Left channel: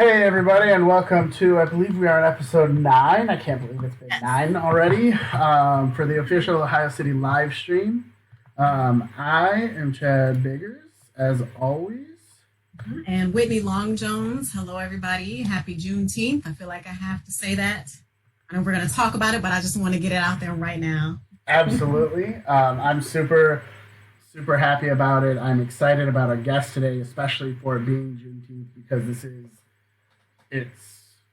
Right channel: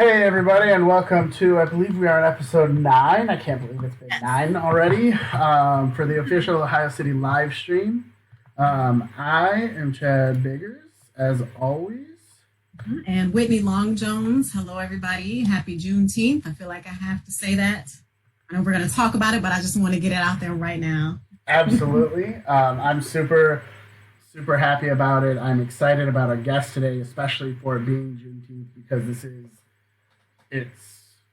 Hey everybody, and welcome to, I believe we are on episode 9. I can't believe it's been 9 already, for the official Ohio City live stream. I am Chad Biggers, as always. And Whitney Long Jones. Hello, everybody. Happy Juneteenth. I feel like I have to say that. I know we're going to talk about it, but I just want to get it out there right now. Absolutely. I'm super happy about it. I'm excited about our guest today, especially for it being Juneteenth, because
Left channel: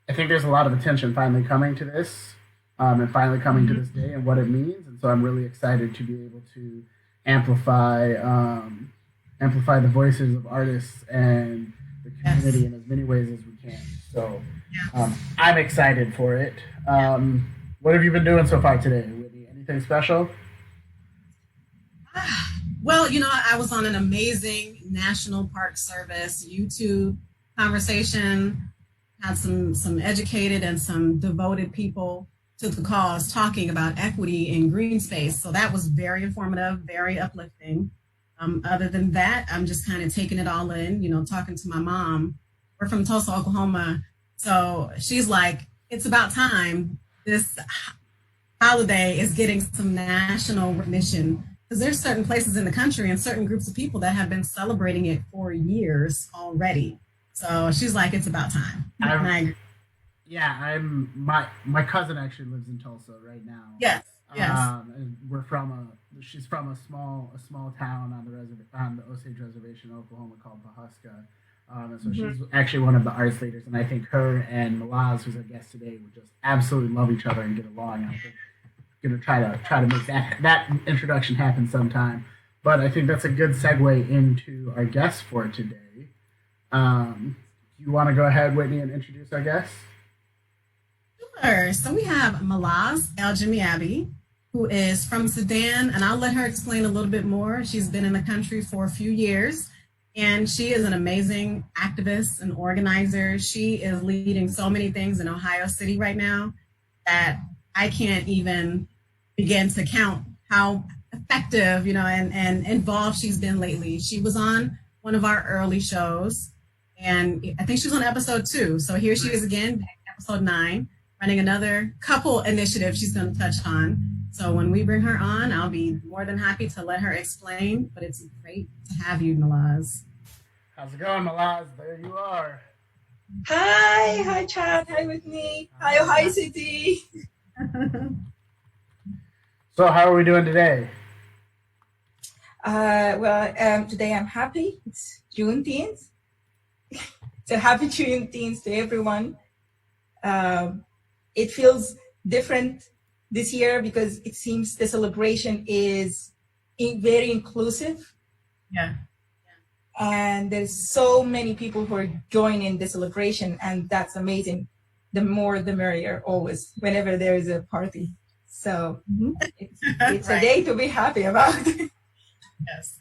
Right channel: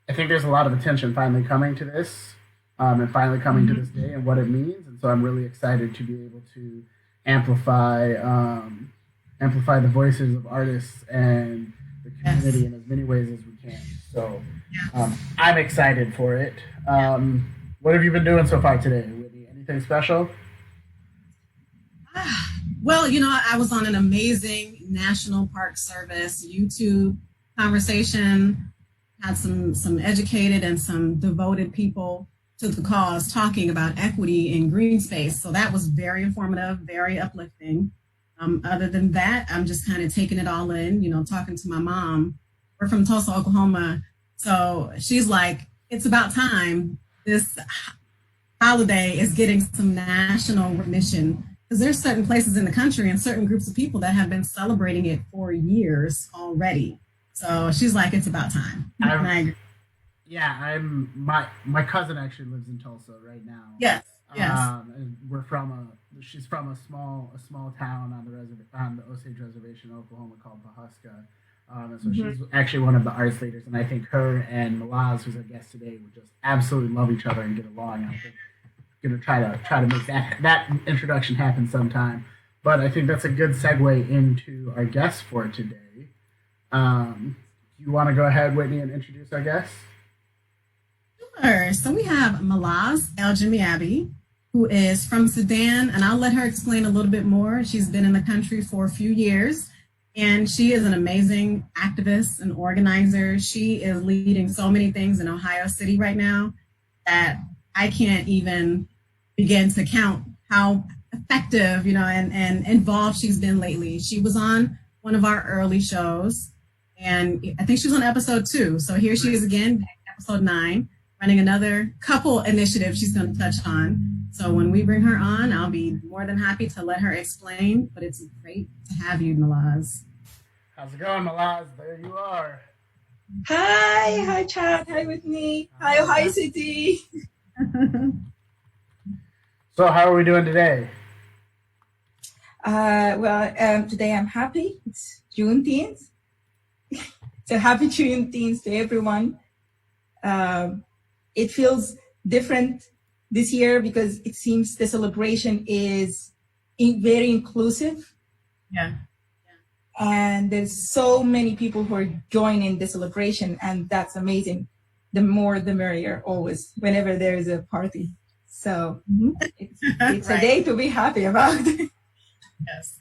I think there's a lot of attention finally coming to this, and finally coming to this day and what it means. And so I'm really excited to be able to amplify the voices of artists and the community in as many ways as we can. So I'm excited for it. What have you been doing so far today, Whitney? Anything special? Well, I was on an amazing National Park Service YouTube conversation, had some educated and some devoted people to the cause talking about equity in green space. So that was very informative, very uplifting. Other than that, I'm just kind of taking it all in, talking to my mom. We're from Tulsa, Oklahoma. So she's like, it's about time this holiday is getting some national recognition, because there's certain places in the country and certain groups of people that have been celebrating it for years already. So she's like, it's about time. My cousin actually lives in Tulsa right now. Yes. And she's from a small town on the Osage Reservation in Oklahoma called Pahuska. And so she's actually one of the arts leaders, and I think her and Malaz, who's our guest today, would just absolutely love each other and get along. And I think we're gonna try to make that introduction happen sometime. But I think that's a good segue into our guest for today. You want to go ahead, Whitney, and introduce our guest? Sure. So we have Malaz Elgemiabby, who is from Sudan, and I'll let her explain a little bit more. She's been in the country for a few years, and she is an amazing activist and organizer. She is leading so many things in Ohio City right now that I can't even begin to count how effective, and involved she's been lately. She was on one of our early shows, and I think she was on episode 2. So here she is again, episode 9, running another couple initiatives she's going to touch on. So when we bring her on, I'll be more than happy to let her explain, but it's great to have you, Malaz. How's it going, Malaz? There you are. Hi, Chad. Hi, Whitney. Hi, Ohio City. So how are we doing today? Today I'm happy. It's Juneteenth. So happy Juneteenth to everyone. It feels different this year because it seems the celebration is very inclusive. Yeah. And there's so many people who are joining the celebration, and that's amazing. The more, the merrier, always, whenever there is a party. So it's a day to be happy about. Yes.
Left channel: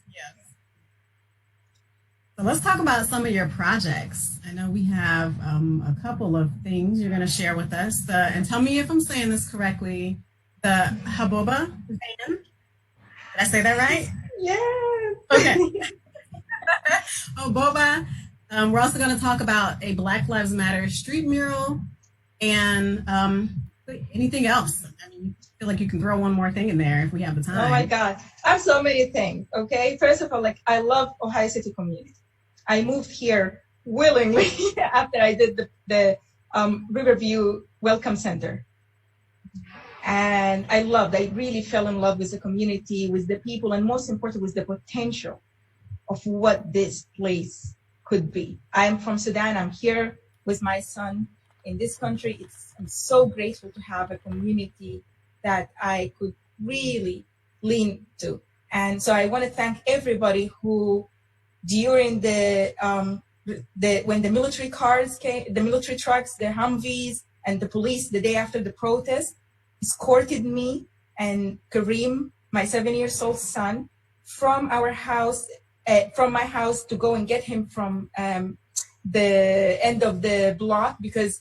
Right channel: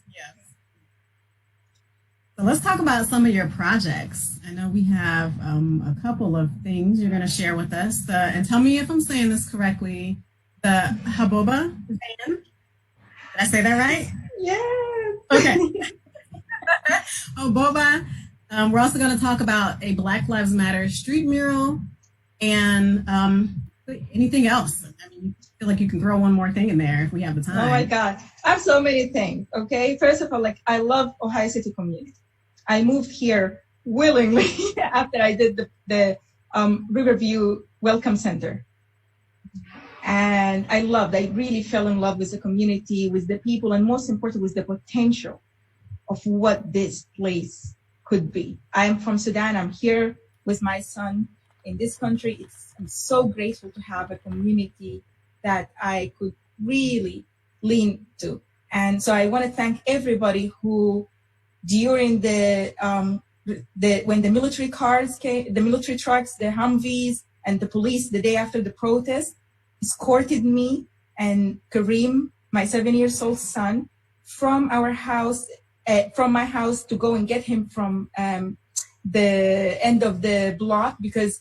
So let's talk about some of your projects. I know we have a couple of things you're going to share with us. And tell me if I'm saying this correctly. The Hobboba van. Did I say that right? Yeah. Okay. Hobboba. We're also going to talk about a Black Lives Matter street mural and anything else. I mean, I feel like you can throw one more thing in there if we have the time. Oh my God. I have so many things. Okay. First of all, I love Ohio City community. I moved here willingly after I did the Riverview Welcome Center. And I really fell in love with the community, with the people, and most important, with the potential of what this place could be. I'm from Sudan. I'm here with my son in this country. I'm so grateful to have a community that I could really lean to. And so I want to thank everybody who, during when the military cars came, the military trucks, the Humvees, and the police the day after the protest, escorted me and Kareem, my 7-year-old son, from our house, from my house, to go and get him from the end of the block, because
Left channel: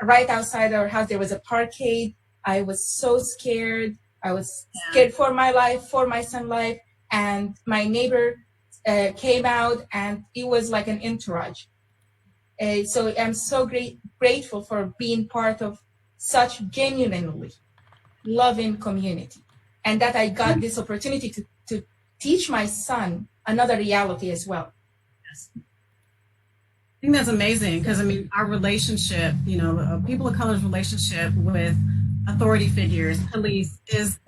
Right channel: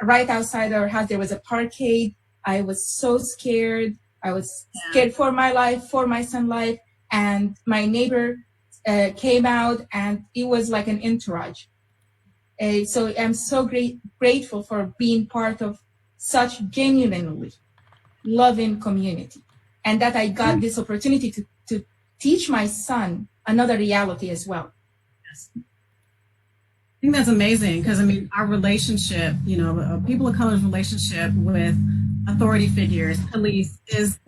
right outside our house there was a parkade. I was so scared. I was scared for my life, for my son's life, and my neighbor came out, and it was like an entourage. So I'm so grateful for being part of such genuinely loving community, and that I got this opportunity to teach my son another reality as well. I think that's amazing because, I mean, our relationship, you know, people of color's relationship with authority figures, police, is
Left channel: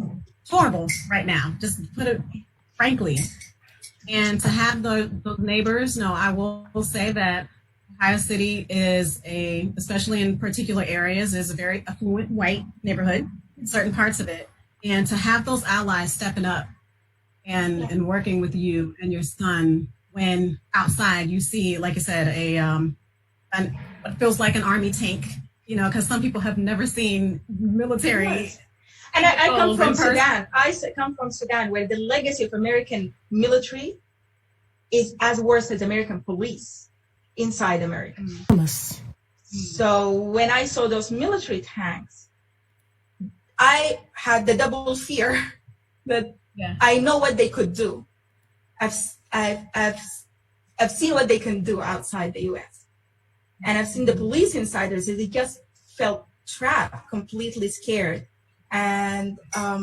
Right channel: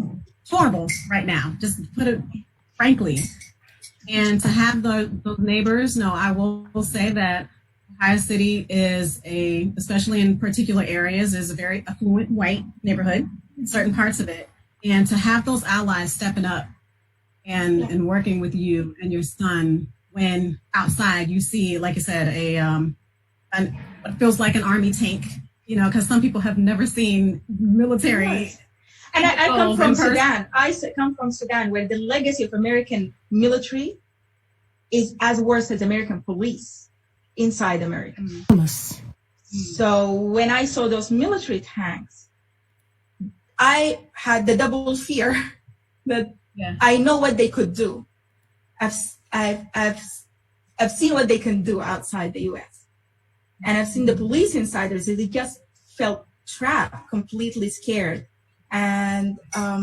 horrible right now, just to put it frankly. And to have those neighbors, no, I will say that Ohio City is especially in particular areas, is a very affluent white neighborhood in certain parts of it. And to have those allies stepping up and working with you and your son when outside you see, like I said, what feels like an army tank, you know, because some people have never seen military. Yes. And I come from Sudan. I come from Sudan, where the legacy of American military is as worse as American police inside America. So when I saw those military tanks, I had the double fear that I know what they could do. I've seen what they can do outside the U.S. And I've seen the police inside there. So they just felt trapped, completely scared. And I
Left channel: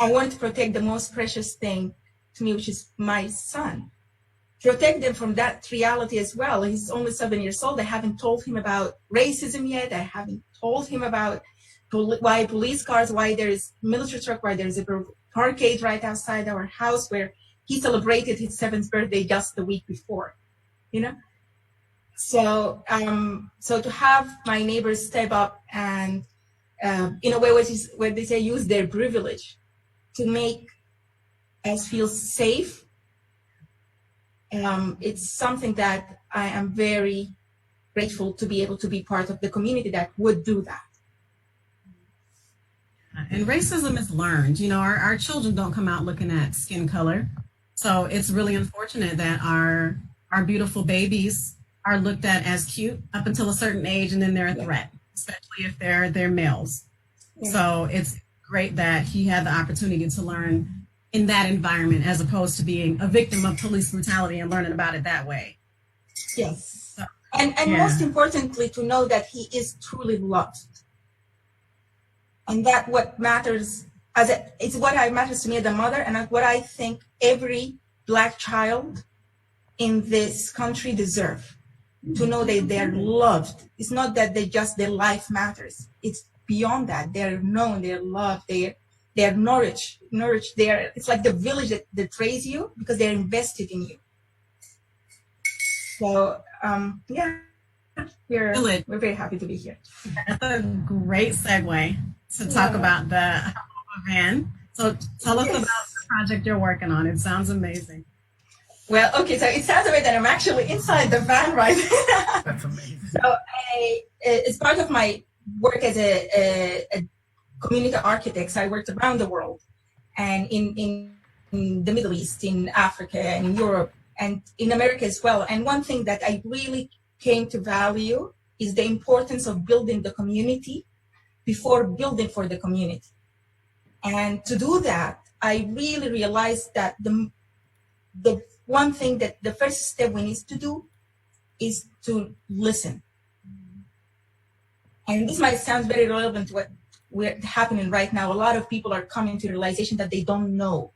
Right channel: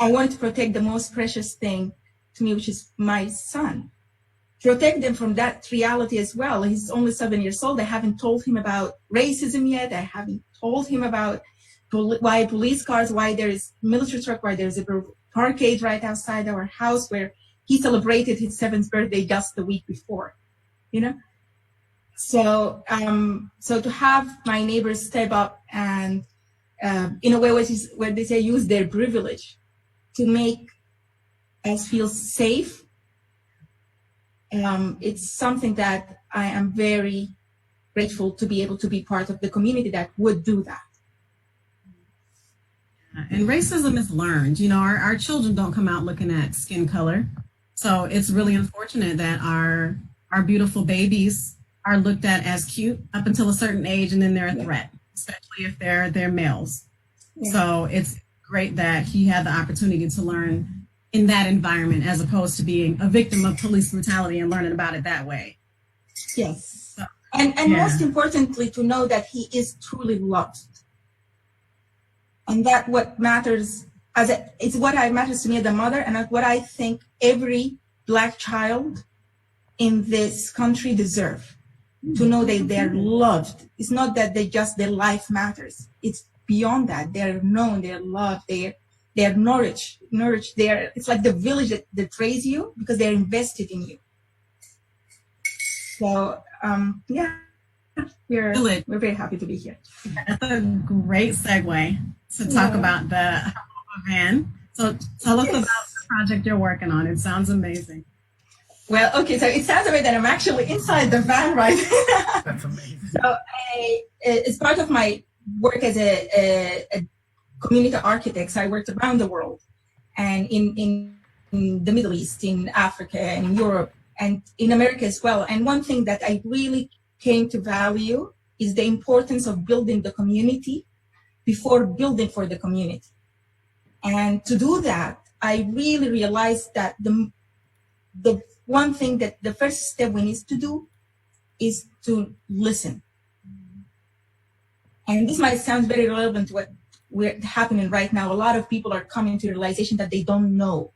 wanted to protect the most precious thing to me, which is my son. Protect them from that reality as well. He's only 7 years old. I haven't told him about racism yet. I haven't told him about why police cars, why there's military truck, why there's a parkade right outside our house where he celebrated his 7th birthday just the week before, you know? So to have my neighbors step up and in a way where they say use their privilege to make us feel safe, it's something that I am very grateful to be able to be part of the community that would do that. And racism is learned. You know, our children don't come out looking at skin color. So it's really unfortunate that our beautiful babies are looked at as cute up until a certain age, and then they're a threat, especially if they're males. Yeah. So it's great that he had the opportunity to learn in that environment as opposed to being a victim of police brutality and learning about it that way. Yes. So, and most importantly, to know that he is truly loved. And that what matters, it's what matters to me as a mother, and what I think every Black child in this country deserve, to know that they're loved. It's not that their life matters. It's beyond that. They're known, they're loved, they're nourished. It's like the village that raised you because they're invested in you. So we're very happy to be here. That's a great segue to talk about the Hobboba van. So tell us about the project you're working on. It sounds amazing. Well, okay, so it sounds like that I'm actually inside the van right now. That's amazing. So it's part of my work as a community architect. So I worked around the world, and in the Middle East, in Africa, and in Europe, and in America as well. And one thing that I really came to value is the importance of building the community before building for the community. And to do that, I really realized that the one thing that the first step we need to do is to listen. And this might sound very relevant to what's happening right now. A lot of people are coming to the realization that they don't know.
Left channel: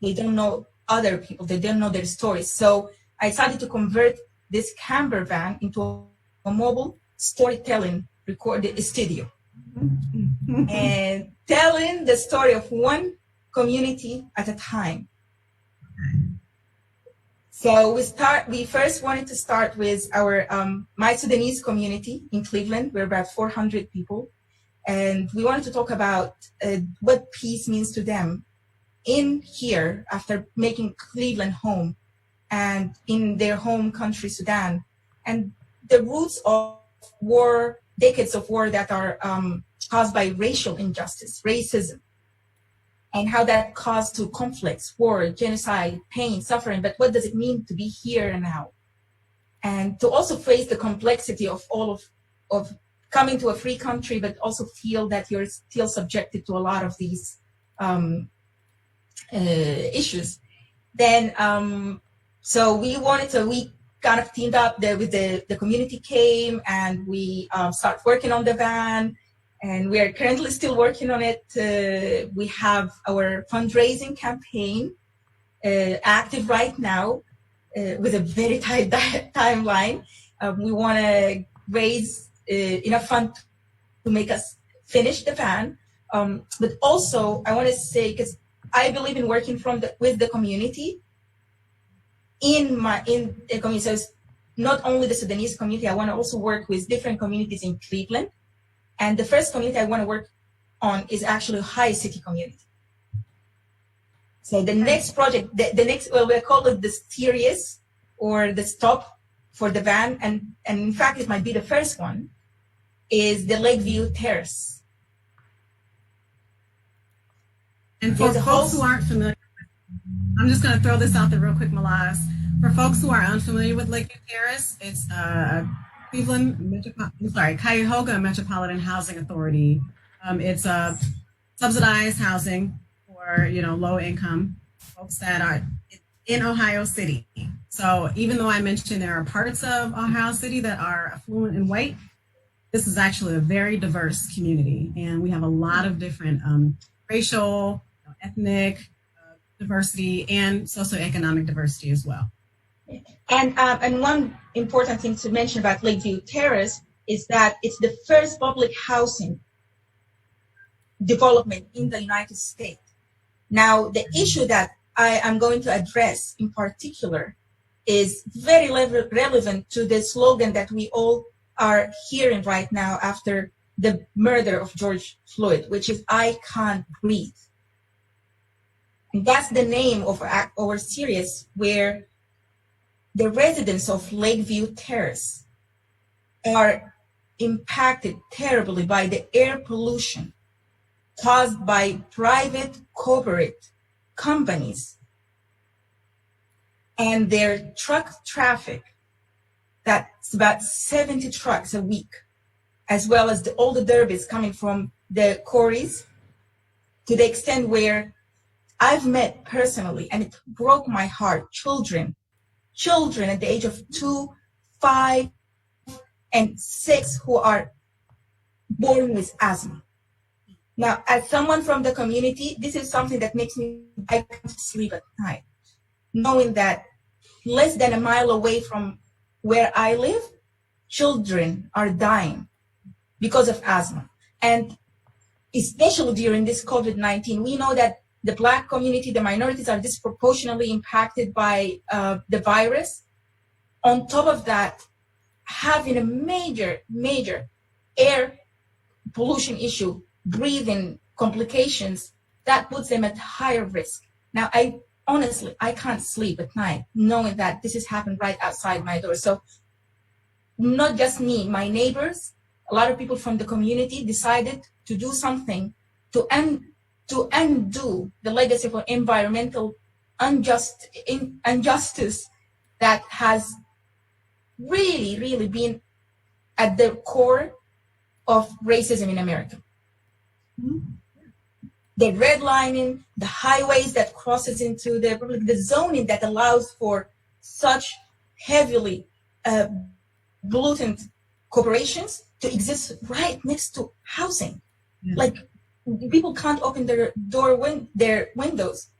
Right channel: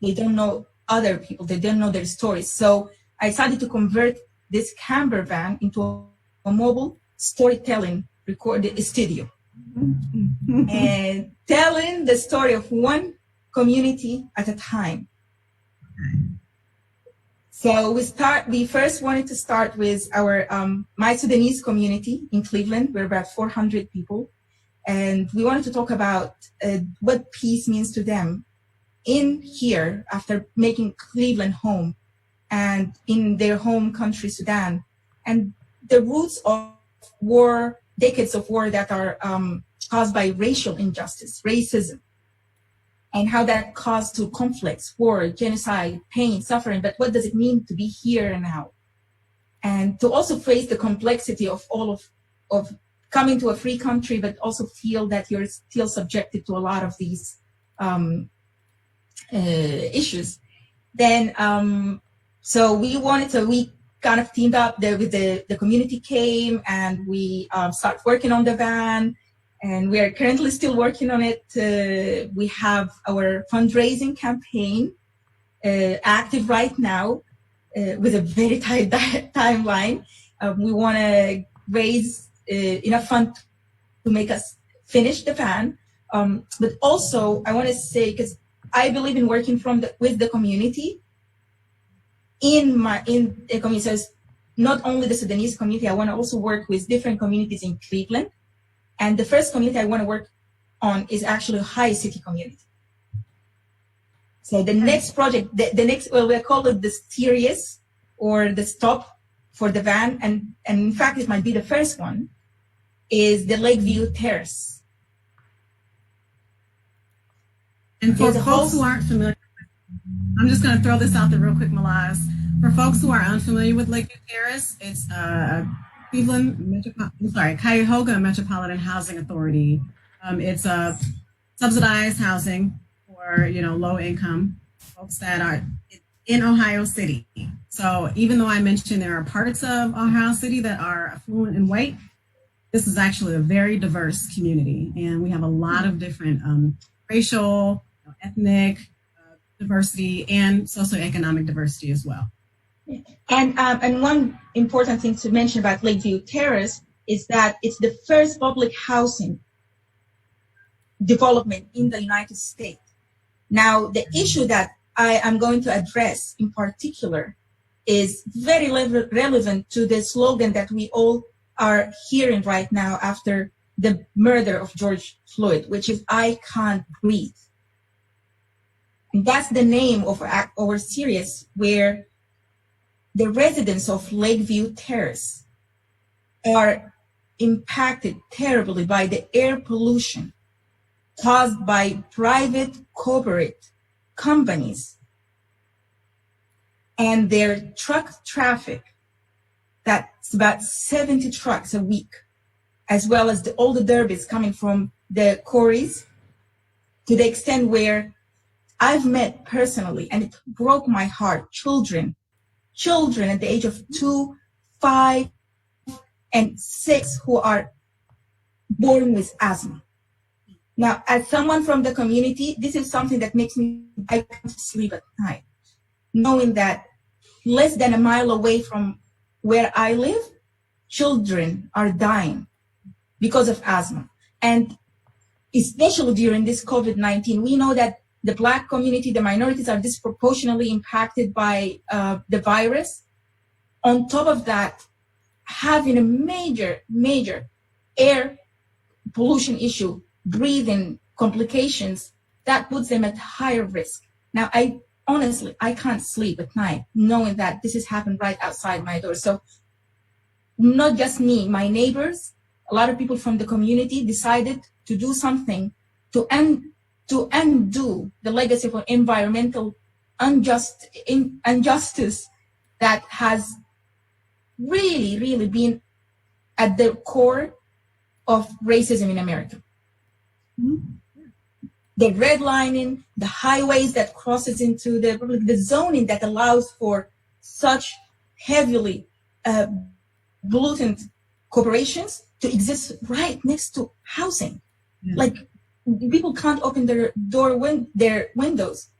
They don't know other people. They don't know their stories. So I decided to convert this camper van into a mobile storytelling recorded studio. And telling the story of one community at a time. So we first wanted to start with our My Sudanese community in Cleveland. We're about 400 people. And we wanted to talk about what peace means to them in here after making Cleveland home and in their home country, Sudan. And the roots of war, decades of war that are caused by racial injustice, racism, and how that caused to conflicts, war, genocide, pain, suffering. But what does it mean to be here and now? And to also face the complexity of all of coming to a free country, but also feel that you're still subjected to a lot of these issues. Then, so we kind of teamed up with the community came, and we started working on the van, and we are currently still working on it. We have our fundraising campaign active right now with a very tight timeline. We want to raise enough funds to make us finish the van. But also, I want to say, because I believe in working with the community, in the community. So it's not only the Sudanese community, I want to also work with different communities in Cleveland. And the first community I want to work on is actually Ohio City community. So the next project, the next, well, we call it the series or the stop for the van, and in fact, it might be the first one, is the Lakeview Terrace. And for folks who aren't familiar, I'm just going to throw this out there real quick, Malaz. For folks who are unfamiliar with Lakeview Terrace, it's Cuyahoga Metropolitan Housing Authority. It's subsidized housing for low income folks that are in Ohio City. So even though I mentioned there are parts of Ohio City that are affluent and white, this is actually a very diverse community, and we have a lot of different racial, ethnic diversity, and socioeconomic diversity as well. And one important thing to mention about Lakeview Terrace is that it's the first public housing development in the United States. Now, the issue that I am going to address in particular is very relevant to the slogan that we all are hearing right now after the murder of George Floyd, which is "I can't breathe." And that's the name of our series, where the residents of Lakeview Terrace are impacted terribly by the air pollution caused by private corporate companies and their truck traffic. That's about 70 trucks a week, as well as all the derbies coming from the quarries, to the extent where I've met personally, and it broke my heart, children at the age of 2, 5, and 6 who are born with asthma. Now, as someone from the community, this is something that makes I can't sleep at night, knowing that less than a mile away from where I live, children are dying because of asthma. And especially during this COVID-19, we know that the Black community, the minorities, are disproportionately impacted by the virus. On top of that, having a major air pollution issue, breathing complications, that puts them at higher risk. Now, I can't sleep at night knowing that this has happened right outside my door. So not just me, my neighbors, a lot of people from the community decided to do something to undo the legacy of environmental injustice that has really been at the core of racism in America. Mm-hmm. The redlining, the highways that crosses into the republic, the zoning that allows for such heavily pollutant corporations to exist right next to housing. Yeah. Like, people can't open their windows,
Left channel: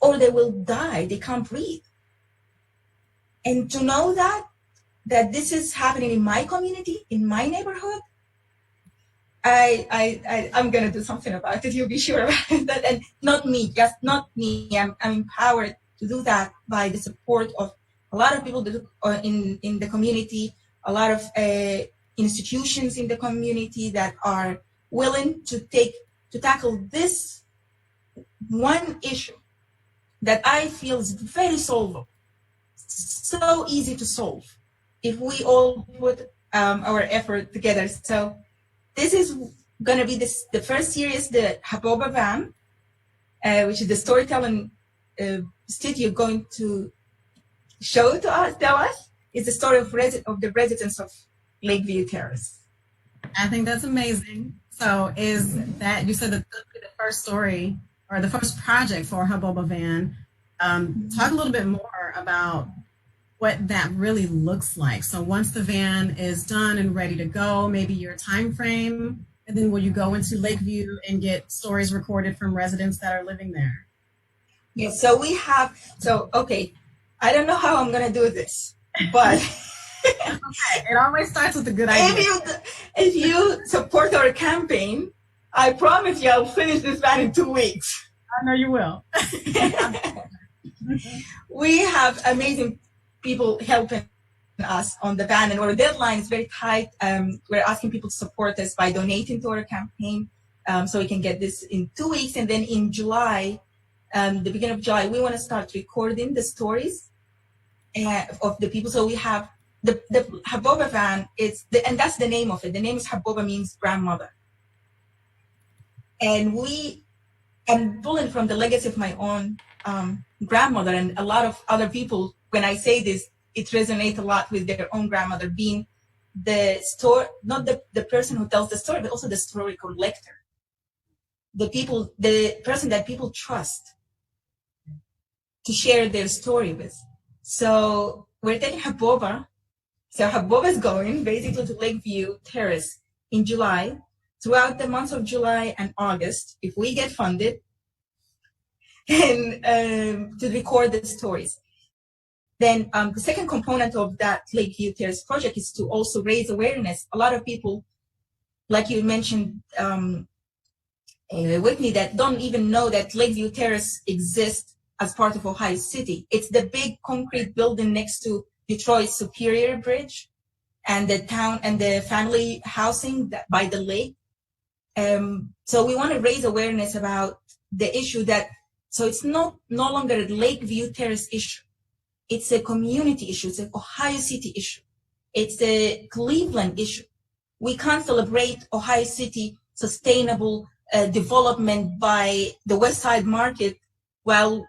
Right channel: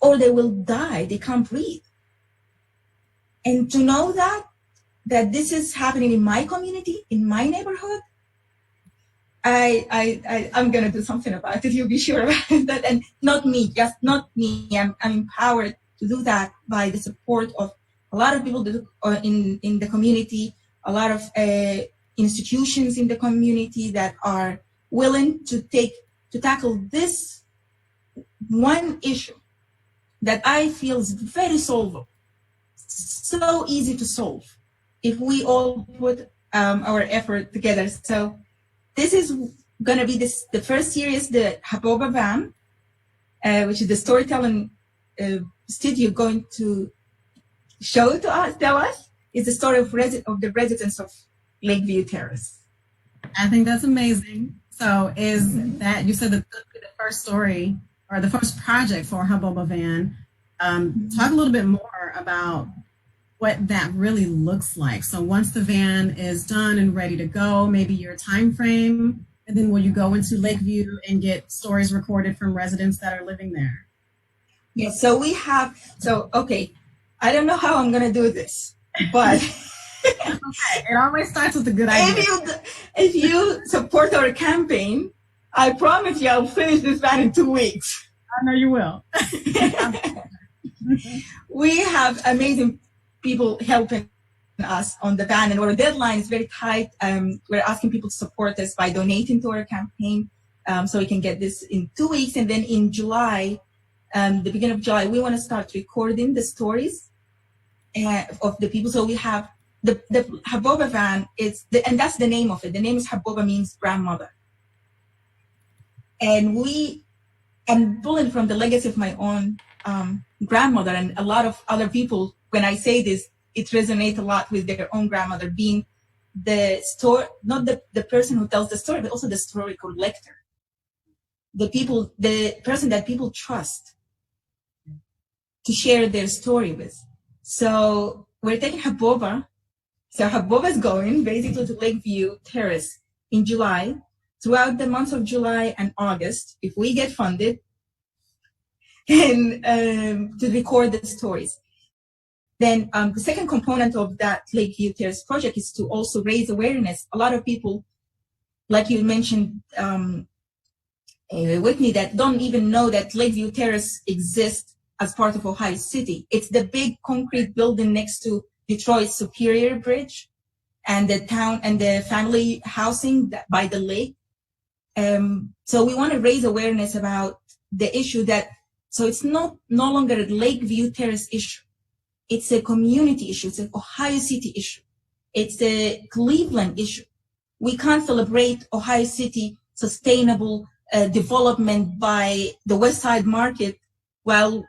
or they will die. They can't breathe. And to know that this is happening in my community, in my neighborhood, I'm gonna do something about it. You'll be sure about that. And not me. I'm empowered to do that by the support of a lot of people in the community, a lot of institutions in the community that are willing to tackle this one issue that I feel is very solvable, so easy to solve if we all put our effort together. So this is going to be the first series, the Hobboba van, which is the storytelling studio going to tell us, is the story of the residents of Lakeview Terrace. I think that's amazing. So is that, you said that this will be the first story or the first project for Hobboba van. Talk a little bit more about what that really looks like. So once the van is done and ready to go, maybe your time frame, and then will you go into Lakeview and get stories recorded from residents that are living there? Yeah, okay, I don't know how I'm gonna do this, but okay, it always starts with a good idea. If you support our campaign, I promise you I'll finish this van in 2 weeks. I know you will. We have amazing people helping us on the van, and our deadline is very tight. We're asking people to support us by donating to our campaign, so we can get this in 2 weeks. And then in July, the beginning of July, we want to start recording the stories of the people. So we have the Hobboba van, and that's the name of it. The name is Hobboba, means grandmother. And I'm pulling from the legacy of my own grandmother, and a lot of other people, when I say this, it resonates a lot with their own grandmother being not the person who tells the story, but also the story collector. The person that people trust to share their story with. So we're taking Hobboba. So Hobboba is going basically to Lakeview Terrace in July, throughout the months of July and August, if we get funded, and to record the stories. Then the second component of that Lakeview Terrace project is to also raise awareness. A lot of people, like you mentioned, Whitney, that don't even know that Lakeview Terrace exists as part of Ohio City. It's the big concrete building next to Detroit's Superior Bridge and the town and the family housing by the lake. So we want to raise awareness about the issue so it's no longer a Lakeview Terrace issue. It's a community issue. It's an Ohio City issue. It's a Cleveland issue. We can't celebrate Ohio City sustainable development by the West Side Market while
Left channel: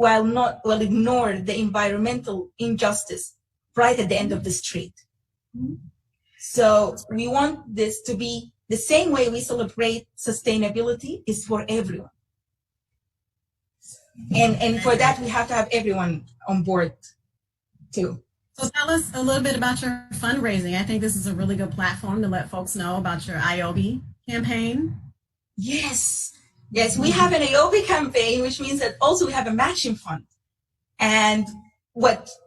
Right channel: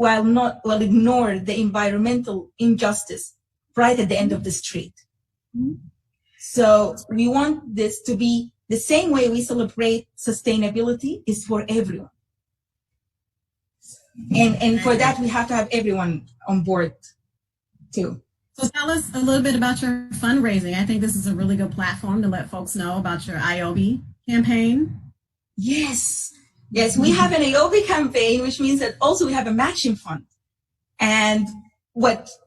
ignore the environmental injustice right at the end of the street. Mm-hmm. So we want this to be the same way we celebrate sustainability is for everyone. And for that, we have to have everyone on board too. So tell us a little bit about your fundraising. I think this is a really good platform to let folks know about your IOBY campaign. Yes, we have an IOBY campaign, which means that also we have a matching fund. And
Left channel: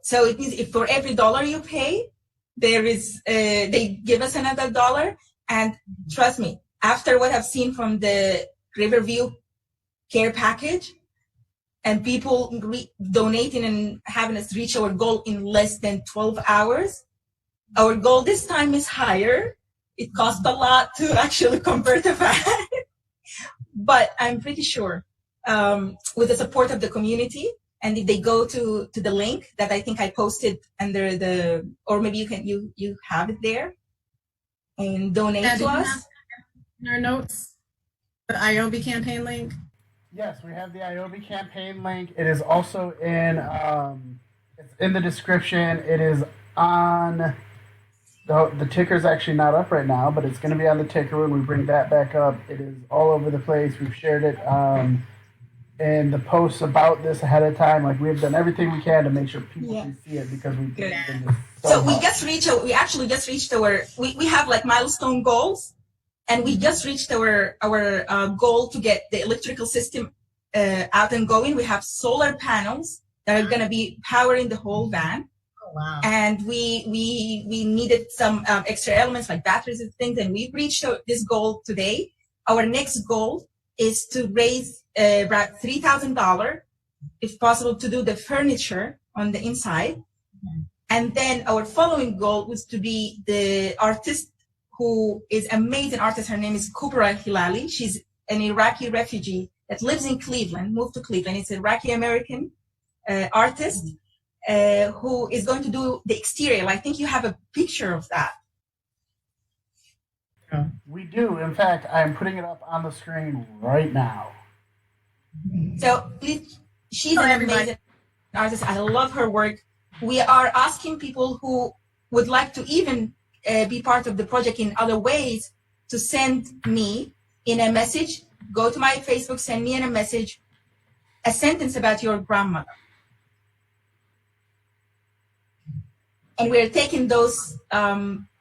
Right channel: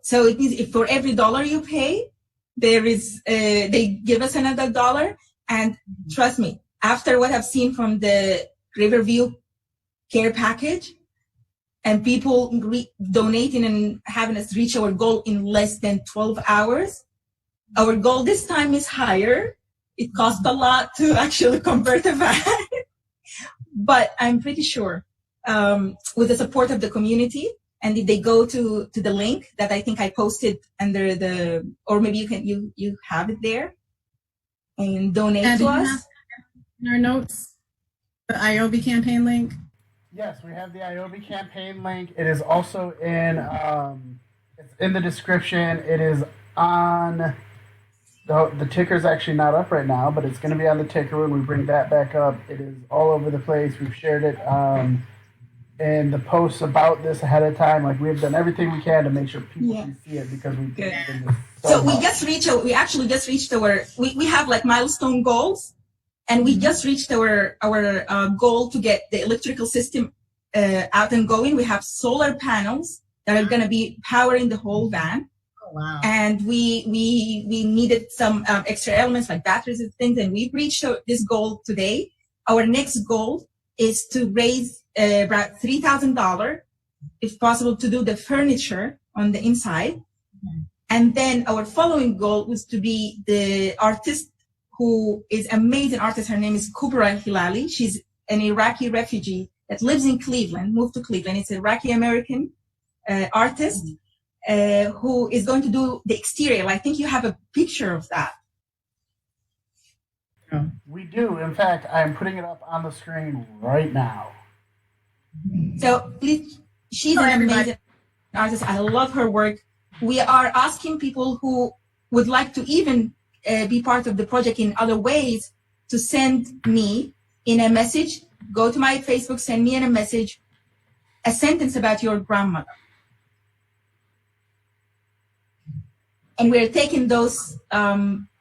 so it means if for every dollar you pay, they give us another dollar. And trust me, after what I've seen from the Riverview care package and people donating and having us reach our goal in less than 12 hours, our goal this time is higher. It costs a lot to actually convert a van. But I'm pretty sure with the support of the community, and if they go to the link that I think I posted under or maybe you have it there, and donate to us. In our notes, the IOBY campaign link. Yes, we have the IOBY campaign link. It is also it's in the description. It is on the ticker's actually not up right now, but it's going to be on the ticker when we bring that back up. It is all over the place. We've shared it in the posts about this ahead of time. Like, we've done everything we can to make sure people can see it because we believe in this. We actually just reached we have like milestone goals, and we just reached our goal to get the electrical system out and going. We have solar panels that are going to be powering the whole van. Oh, wow. And we needed some extra elements like batteries and things, and we've reached this goal today. Our next goal is to raise about $3,000, if possible, to do the furniture on the inside. Mm-hmm. And then our following goal was to be the artist who is amazing artist. Her name is Kubra Hilali. She's an Iraqi refugee that lives in Cleveland, moved to Cleveland. It's an Iraqi-American artist who is going to do the exterior. I think you have a picture of that. We do. In fact, I'm putting it up on the screen right now. So please, she's an amazing artist. I love her work. We are asking people who would like to even be part of the project in other ways to send me in a message. Go to my Facebook, send me in a message, a sentence about your grandmother. And we're taking those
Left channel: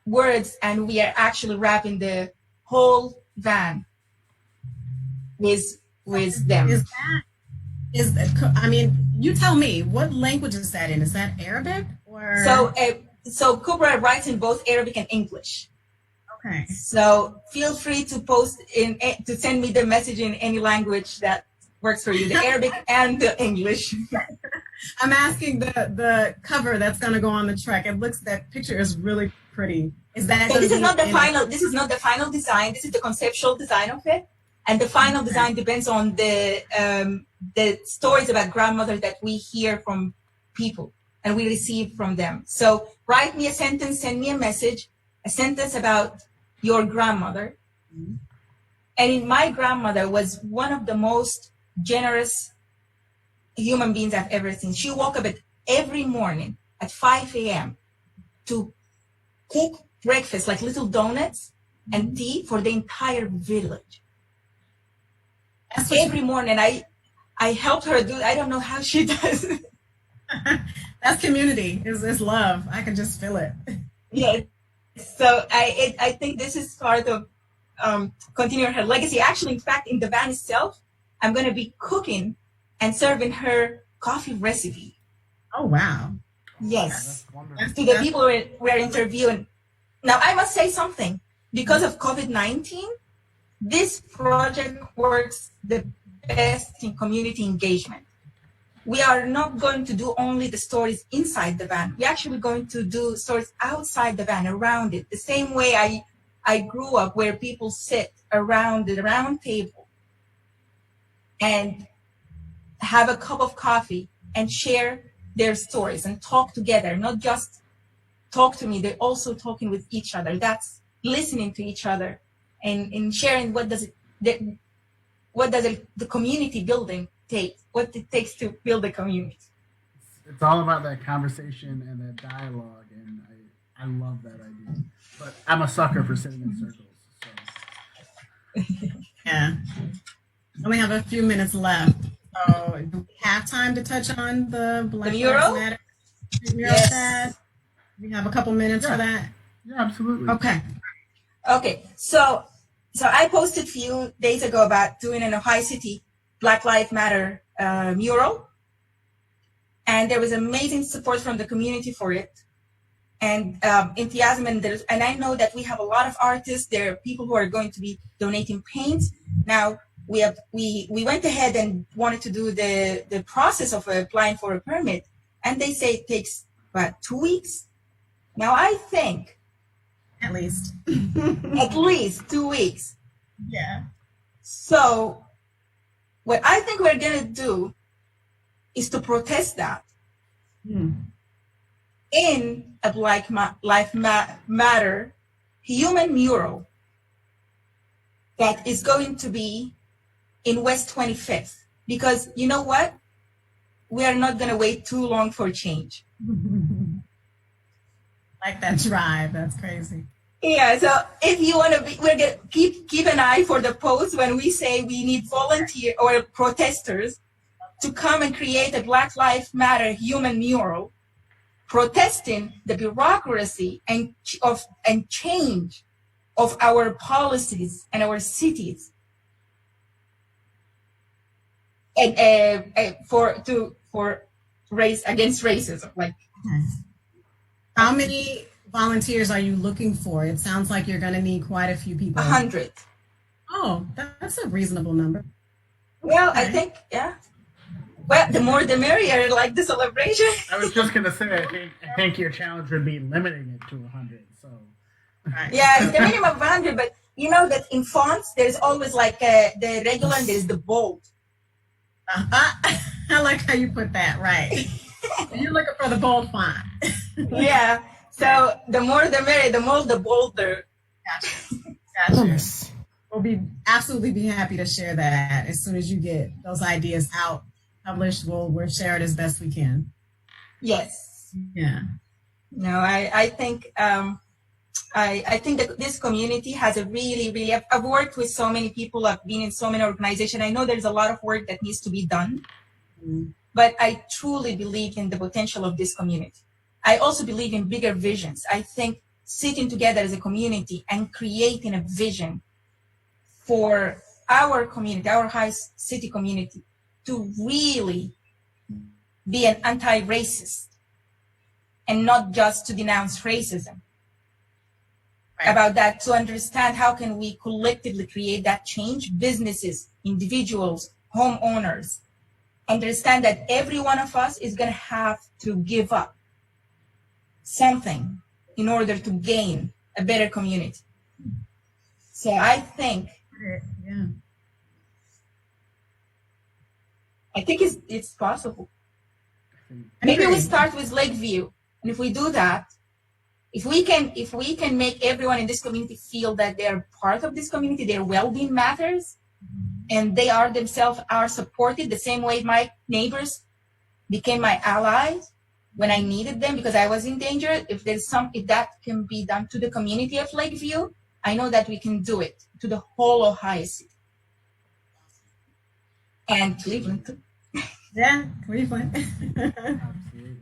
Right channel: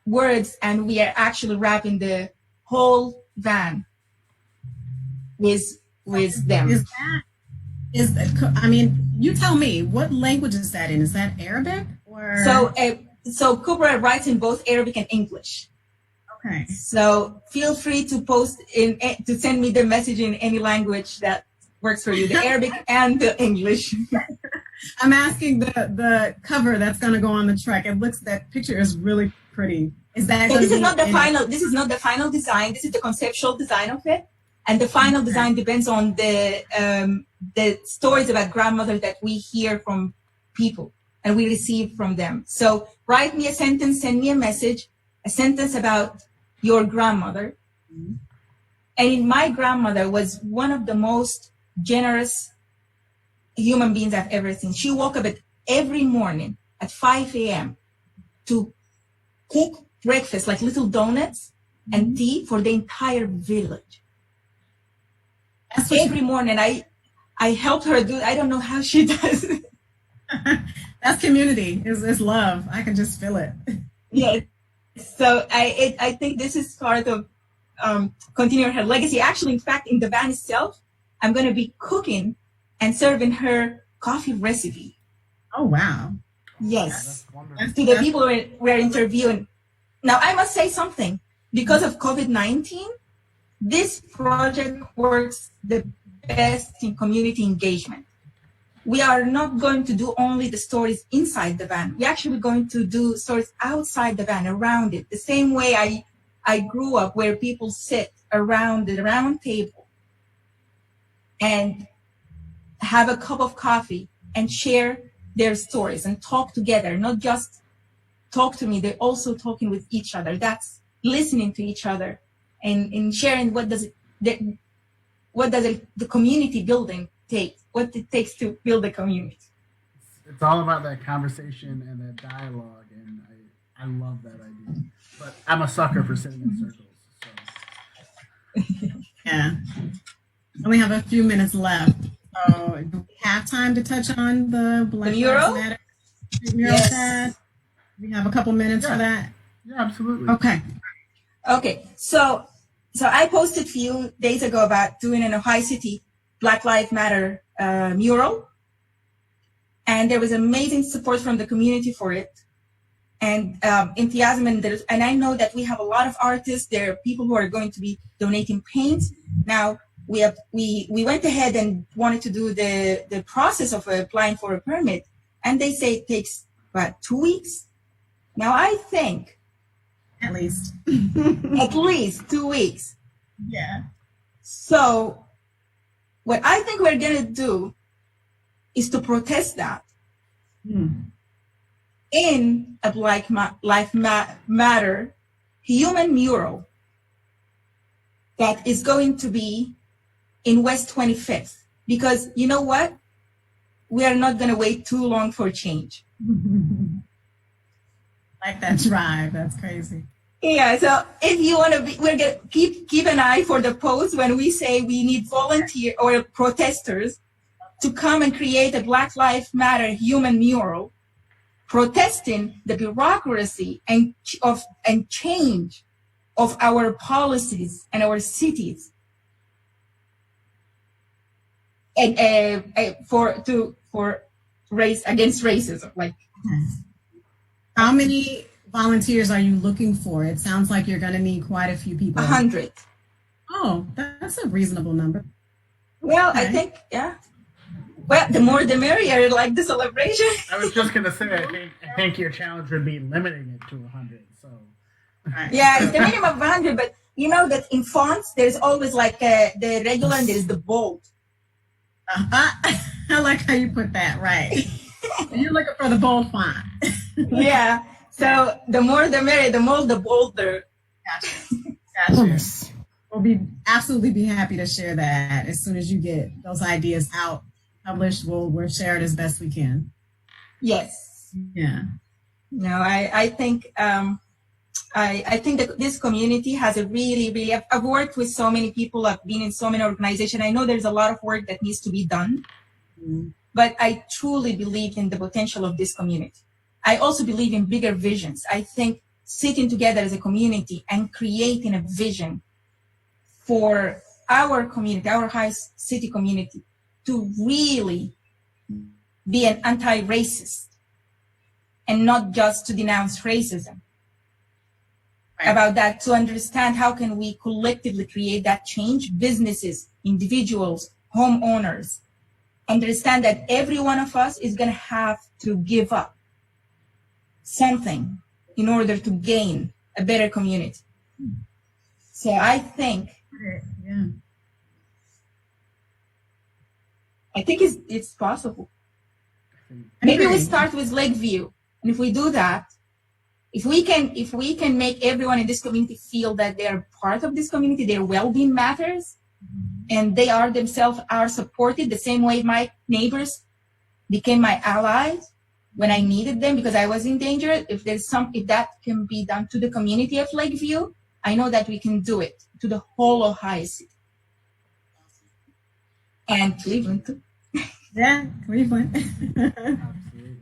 words and we are actually wrapping the whole van with them. I mean, you tell me, what language is that in? Is that Arabic or? So Kubra writes in both Arabic and English. Okay. So feel free to to send me the message in any language that works for you, the Arabic and the English. I'm asking the cover that's going to go on the truck. That picture is really pretty. Is that? So this is not the final. This is not the final design. This is the conceptual design of it, and the final design depends on the stories about grandmothers that we hear from people and we receive from them. So write me a sentence, send me a sentence about your grandmother. Mm-hmm. And my grandmother was one of the most generous human beings I've ever seen. She woke up every morning at 5 a.m. to cook breakfast, like little donuts and tea for the entire village. Every morning I helped her do. I don't know how she does it. That's community. It's love. I can just feel it. Yeah. So I think this is part of continuing her legacy. Actually, in fact, in the van itself, I'm going to be cooking and serving her coffee recipe. Oh, wow. Yes. To the people we're interviewing. Now, I must say something. Because of COVID-19, this project works the best in community engagement. We are not going to do only the stories inside the van. We're actually going to do stories outside the van, around it. The same way I grew up, where people sit around the round table and have a cup of coffee and share their stories and talk together, not just talk to me, they're also talking with each other. That's listening to each other and sharing what does the community building take, what it takes to build a community. It's all about that conversation and that dialogue, and I love that idea. But I'm a sucker for sitting in circles. So. Yeah. We have a few minutes left. So do we have time to touch on the Black mural? Lives Matter mural chat? We have a couple minutes for that. Yeah, absolutely. Okay. So I posted a few days ago about doing an Ohio City Black Lives Matter mural, and there was amazing support from the community for it, and enthusiasm. And I know that we have a lot of artists. There are people who are going to be donating paint. Now we went ahead and wanted to do the process of applying for a permit, and they say it takes about 2 weeks. Now I think at least 2 weeks. Yeah. So what I think we're going to do is to protest that in a Black Lives Matter human mural that is going to be in West 25th. Because you know what? We are not going to wait too long for change. Like that drive. That's crazy. Yeah, so if you want to be, we're going to keep an eye for the post when we say we need volunteer or protesters to come and create a Black Lives Matter human mural protesting the bureaucracy and change of our policies and our cities, and for race against racism. Like, how many volunteers are you looking for? It sounds like you're going to need quite a few people. 100. Oh, that's a reasonable number. Well, okay. I think, yeah. Well, the more the merrier, like the celebration. I was just going to say, I think your challenge would be limiting it to 100. So. Yeah, it's the minimum of 100, but you know that in fonts, there's always like the regular and there's the bold. I like how you put that, right. You're looking for the bold font. Yeah. So the more the merrier, the more the bolder. Gotcha. We'll absolutely be happy to share that as soon as you get those ideas out, published. We'll share it as best we can. Yes. Yeah. No, I think I think that this community has a really I've worked with so many people. I've been in so many organizations. I know there's a lot of work that needs to be done, but I truly believe in the potential of this community. I also believe in bigger visions. I think sitting together as a community and creating a vision for our community, our high city community, to really be an anti-racist and not just to denounce racism. Right. About that, to understand how can we collectively create that change, businesses, individuals, homeowners, understand that every one of us is going to have to give up something in order to gain a better community. So I think, it's possible. Maybe we start with Lakeview, and if we do that, if we can make everyone in this community feel that they are part of this community, their well-being matters, and they are themselves are supported the same way my neighbors became my allies when I needed them because I was in danger. If that can be done to the community of Lakeview, I know that we can do it to the whole Ohio City. And Cleveland too. Yeah, Cleveland. Absolutely.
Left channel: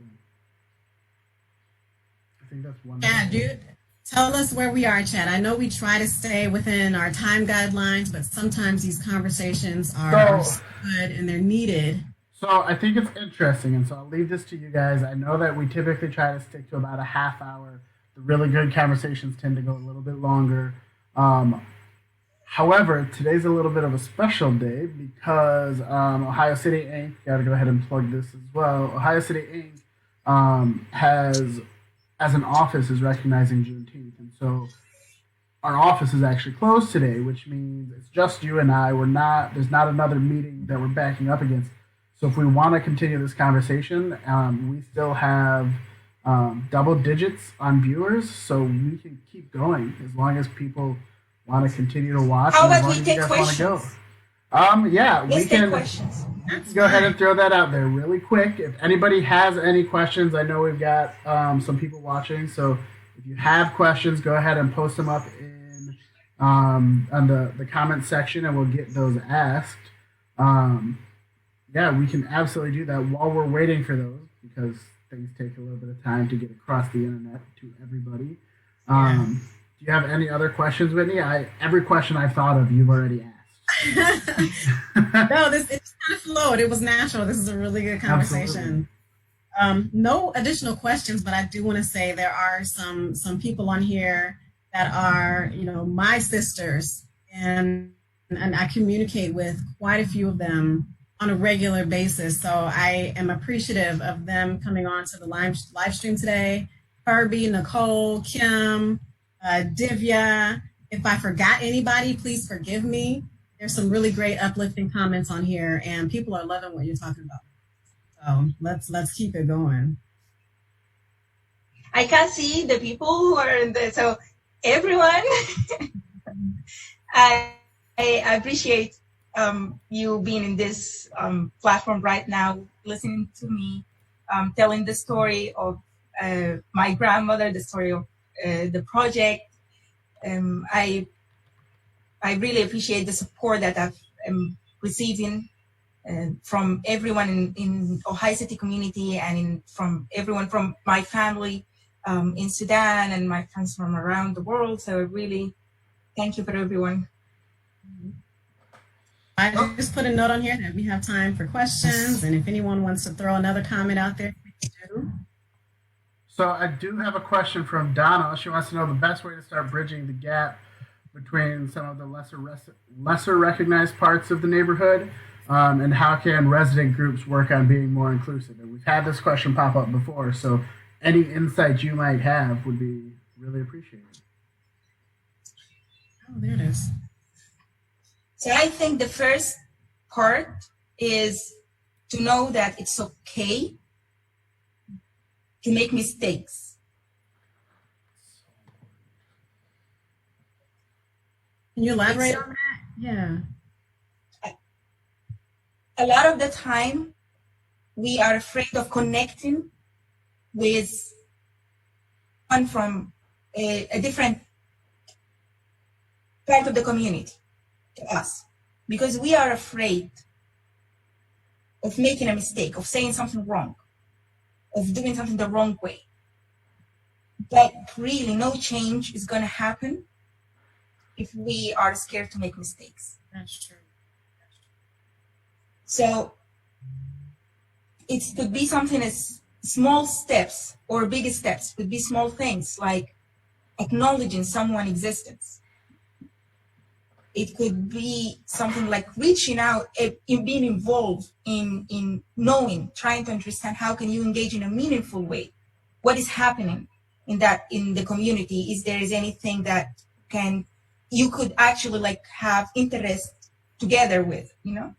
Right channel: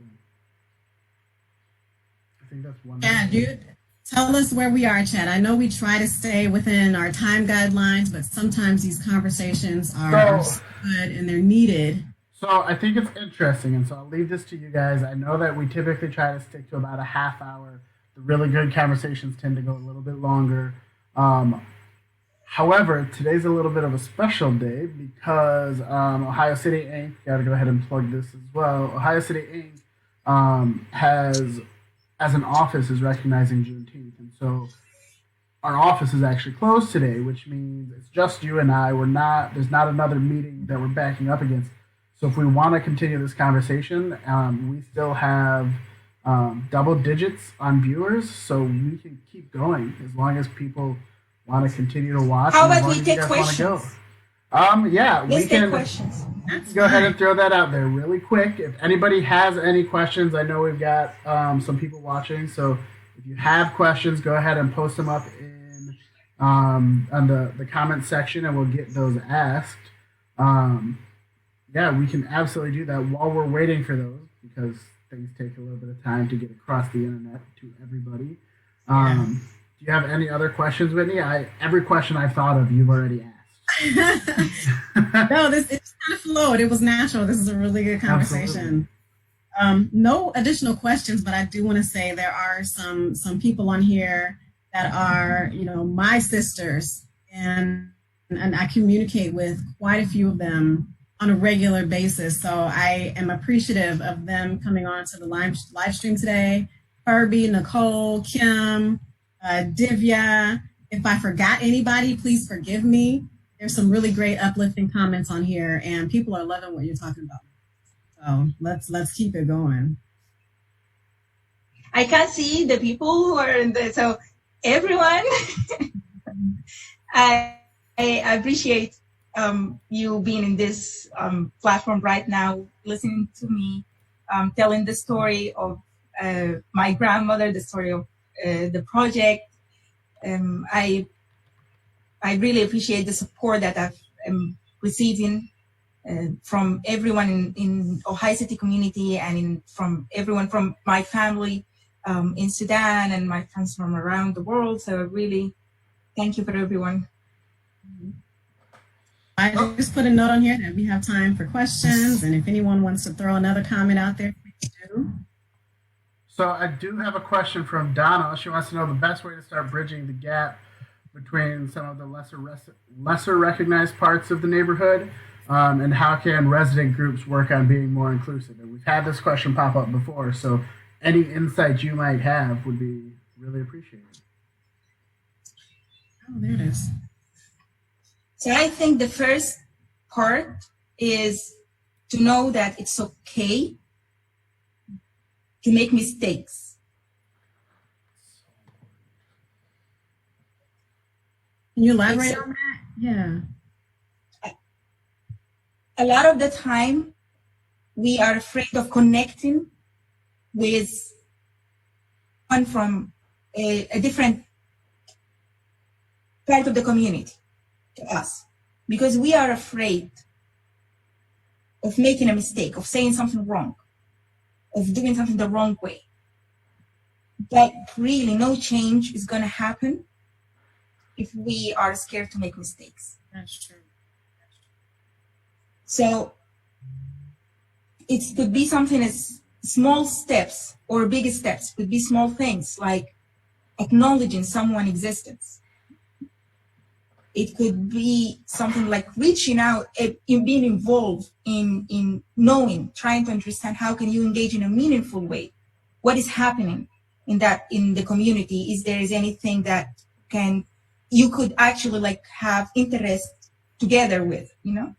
I think that's one. Yeah, dude. Tell us where we are, Chad. I know we try to stay within our time guidelines, but sometimes these conversations are so good and they're needed. So I think it's interesting, and so I'll leave this to you guys. I know that we typically try to stick to about a half hour. The really good conversations tend to go a little bit longer. However, today's a little bit of a special day because Ohio City Inc., got to go ahead and plug this as well. Ohio City Inc. Has, as an office, is recognizing Juneteenth. And so our office is actually closed today, which means it's just you and I. There's not another meeting that we're backing up against. So if we want to continue this conversation, we still have double digits on viewers, so we can keep going as long as people want to continue to watch. How and as about long we as you take guys want to go. questions? Yeah, Let's we can questions. go ahead and throw that out there really quick. If anybody has any questions, I know we've got some people watching, so if you have questions, go ahead and post them up in on the comment section, and we'll get those asked. Yeah, we can absolutely do that while we're waiting for those because things take a little bit of time to get across the internet to everybody. Do you have any other questions, Whitney? Every question I've thought of, you've already asked. No, it's kind of flowed. It was natural. This is a really good conversation. No additional questions, but I do want to say there are some people on here that are, my sisters, and I communicate with quite a few of them on a regular basis. So I am appreciative of them coming on to the live stream today. Herbie, Nicole, Kim, Divya. If I forgot anybody, please forgive me. There's some really great uplifting comments on here, and people are loving what you're talking about. So let's keep it going. I can see the people who are in the, so everyone, I appreciate you being in this platform right now, listening to me, telling the story of my grandmother, the story of the project. I really appreciate the support that I'm receiving from everyone in Ohio City community and from everyone from my family in Sudan and my friends from around the world. So really, thank you for everyone. I just put a note on here that we have time for questions, and if anyone wants to throw another comment out there, please do. So I do have a question from Donna. She wants to know the best way to start bridging the gap between some of the lesser recognized parts of the neighborhood, and how can resident groups work on being more inclusive? And we've had this question pop up before, so any insights you might have would be really appreciated. Oh, there it is. So I think the first part is to know that it's okay to make mistakes. Can you elaborate on that? Yeah. A lot of the time, we are afraid of connecting with one from a different part of the community to us, because we are afraid of making a mistake, of saying something wrong, of doing something the wrong way. that really no change is going to happen if we are scared to make mistakes. That's true. So it could be something as small steps or big steps, could be small things like acknowledging someone's existence. It could be something like reaching out, in being involved in knowing, trying to understand how can you engage in a meaningful way. What is happening in the community? Is there anything that you could actually like have interest together with, you know?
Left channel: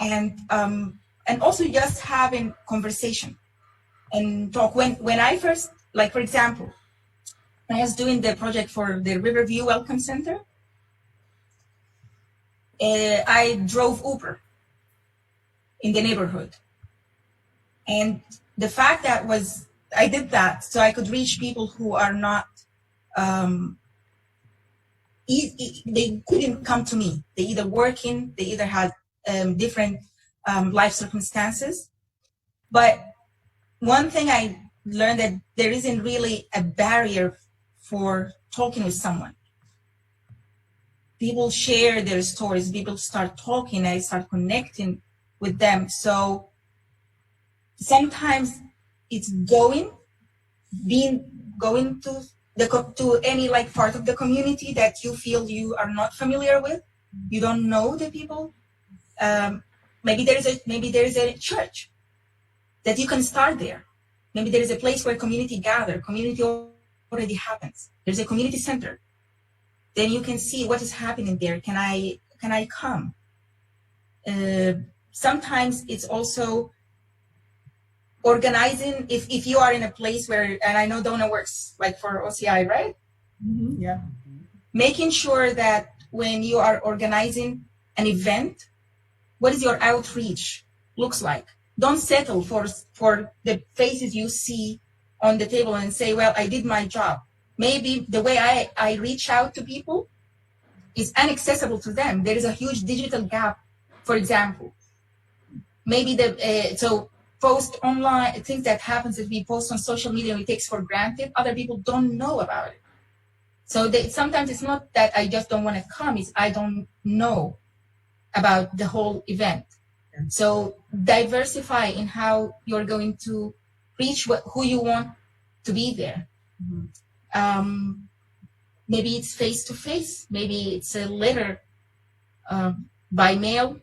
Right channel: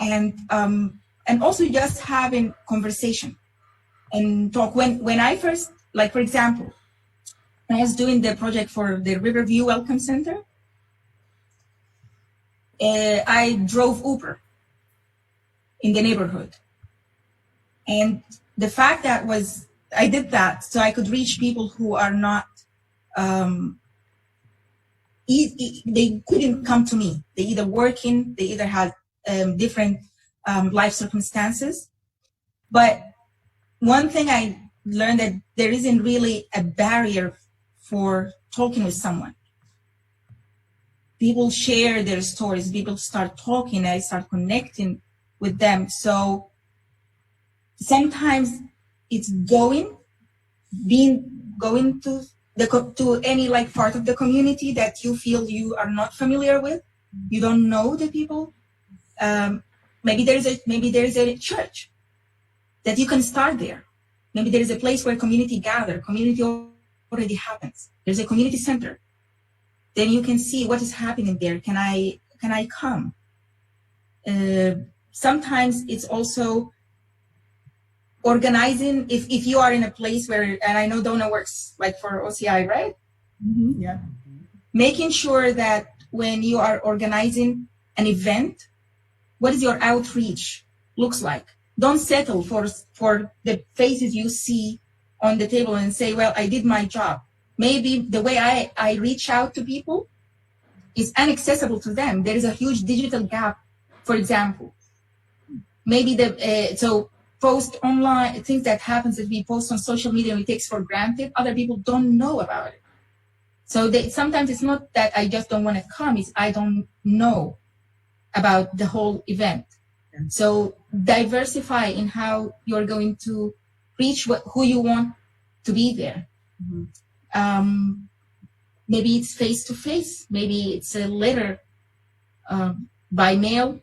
And also just having conversation and talk. When I first, like for example, I was doing the project for the Riverview Welcome Center. I drove Uber in the neighborhood. And the fact that I did that so I could reach people who are not, they couldn't come to me. They either working, they either had different life circumstances. But one thing I learned that there isn't really a barrier for talking with someone. People share their stories, people start talking, I start connecting with them. So sometimes it's going to any like part of the community that you feel you are not familiar with. You don't know the people. Maybe there is a church that you can start there. Maybe there is a place where community gather. Community already happens. There's a community center. Then you can see what is happening there. Can I come? Sometimes it's also organizing. If you are in a place where, and I know Donna works like for OCI, right? Mm-hmm, yeah. Making sure that when you are organizing an event, what is your outreach looks like? Don't settle for the faces you see on the table and say, well, I did my job. Maybe the way I reach out to people is inaccessible to them. There is a huge digital gap, for example. Maybe so post online, things that happens that we post on social media we take for granted, other people don't know about it. So sometimes it's not that I just don't want to come, it's I don't know about the whole event. So diversify in how you're going to reach who you want to be there. Mm-hmm. Maybe it's face-to-face. Maybe it's a letter by mail.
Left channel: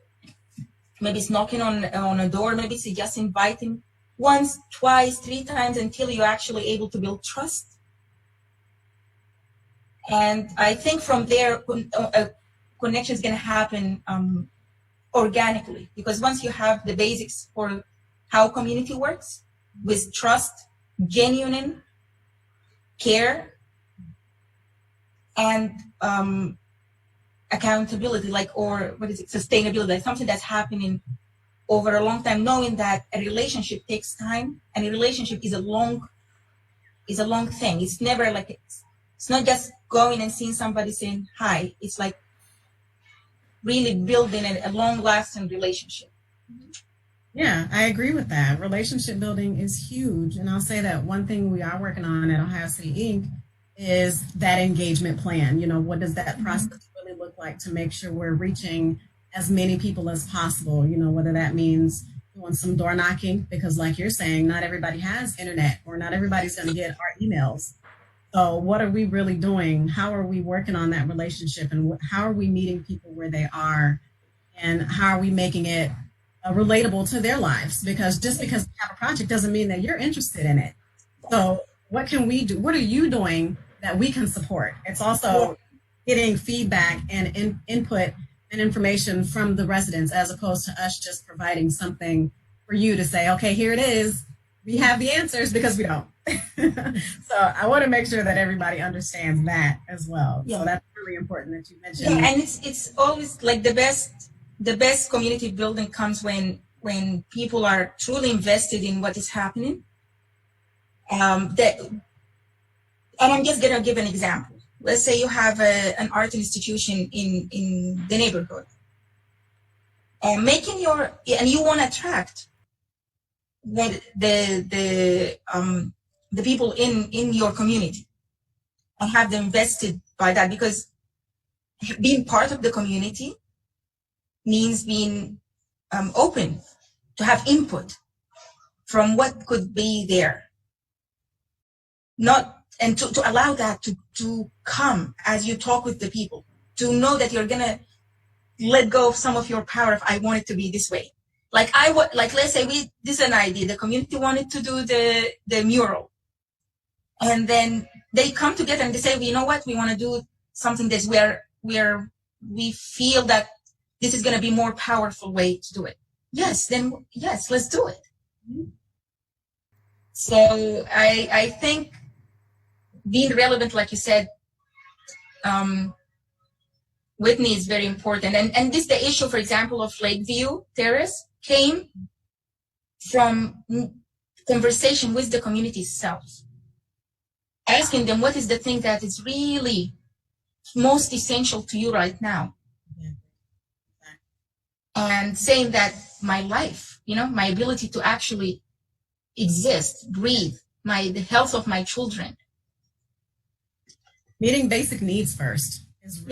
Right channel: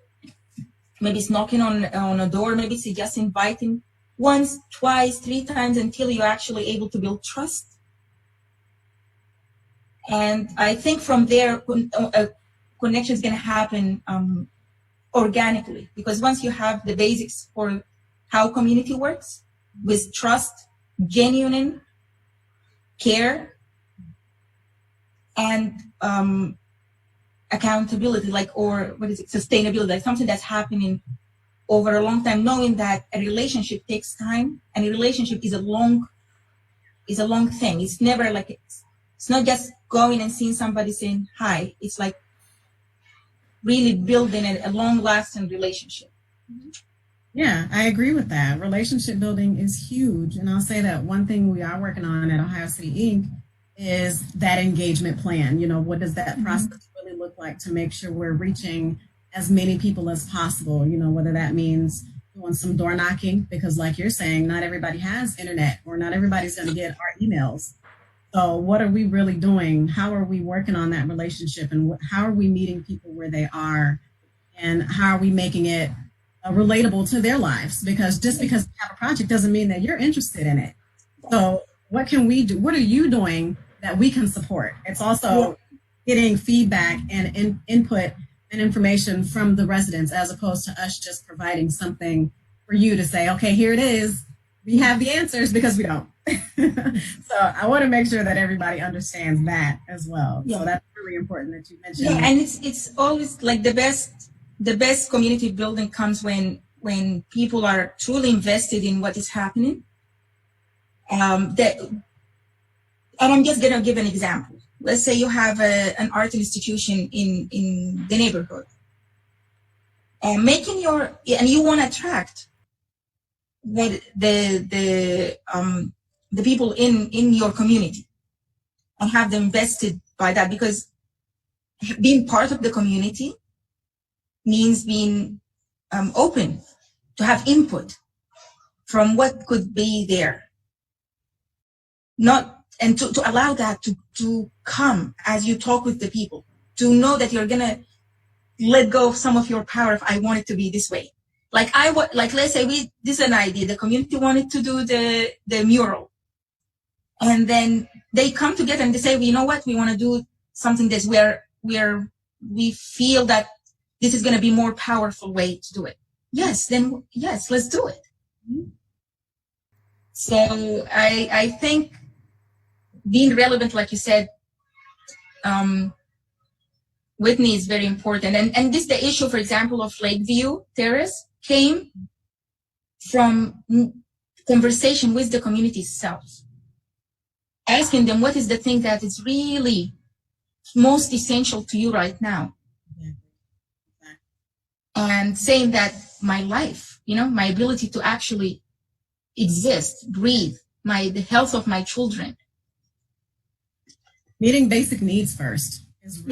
Maybe it's knocking on a door. Maybe it's just inviting once, twice, 3 times until you're actually able to build trust. And I think from there, a connection is going to happen organically, because once you have the basics for how community works with trust, genuine care, and accountability, sustainability, like something that's happening over a long time, knowing that a relationship takes time, and a relationship is a long thing. It's never like it's not just going and seeing somebody saying hi. It's like really building a long-lasting relationship. Yeah, I agree with that. Relationship building is huge. And I'll say that one thing we are working on at Ohio City Inc. is that engagement plan. You know, what does that process really look like to make sure we're reaching as many people as possible? You know, whether that means doing some door knocking, because like you're saying, not everybody has internet, or not everybody's going to get our emails. So what are we really doing? How are we working on that relationship? And how are we meeting people where they are? And how are we making it relatable to their lives? Because just because we have a project doesn't mean that you're interested in it. So what can we do? What are you doing that we can support? It's also getting feedback and input and information from the residents, as opposed to us just providing something for you to say, okay, here it is. We have the answers, because we don't. So I want to make sure that everybody understands that as well. Yeah. So that's really important that you mentioned. Yeah, and it's always like the best community building comes when people are truly invested in what is happening. And I'm just gonna give an example. Let's say you have an art institution in the neighborhood, and you want to attract the the people in your community and have them vested by that, because being part of the community means being open to have input from what could be there. And to allow that to come as you talk with the people, to know that you're going to let go of some of your power if I want it to be this way. Like let's say this is an idea, the community wanted to do the mural. And then they come together and they say, well, you know what, we want to do something this where we feel that this is going to be more powerful way to do it. Yes, let's do it. So I think being relevant, like you said, Whitney, is very important. And this, the issue, for example, of Lakeview Terrace came from conversation with the community itself. Asking them, what is the thing that is really most essential to you right now? Yeah. And saying that my life, my ability to actually exist, breathe, the health of my children. Meeting basic needs first is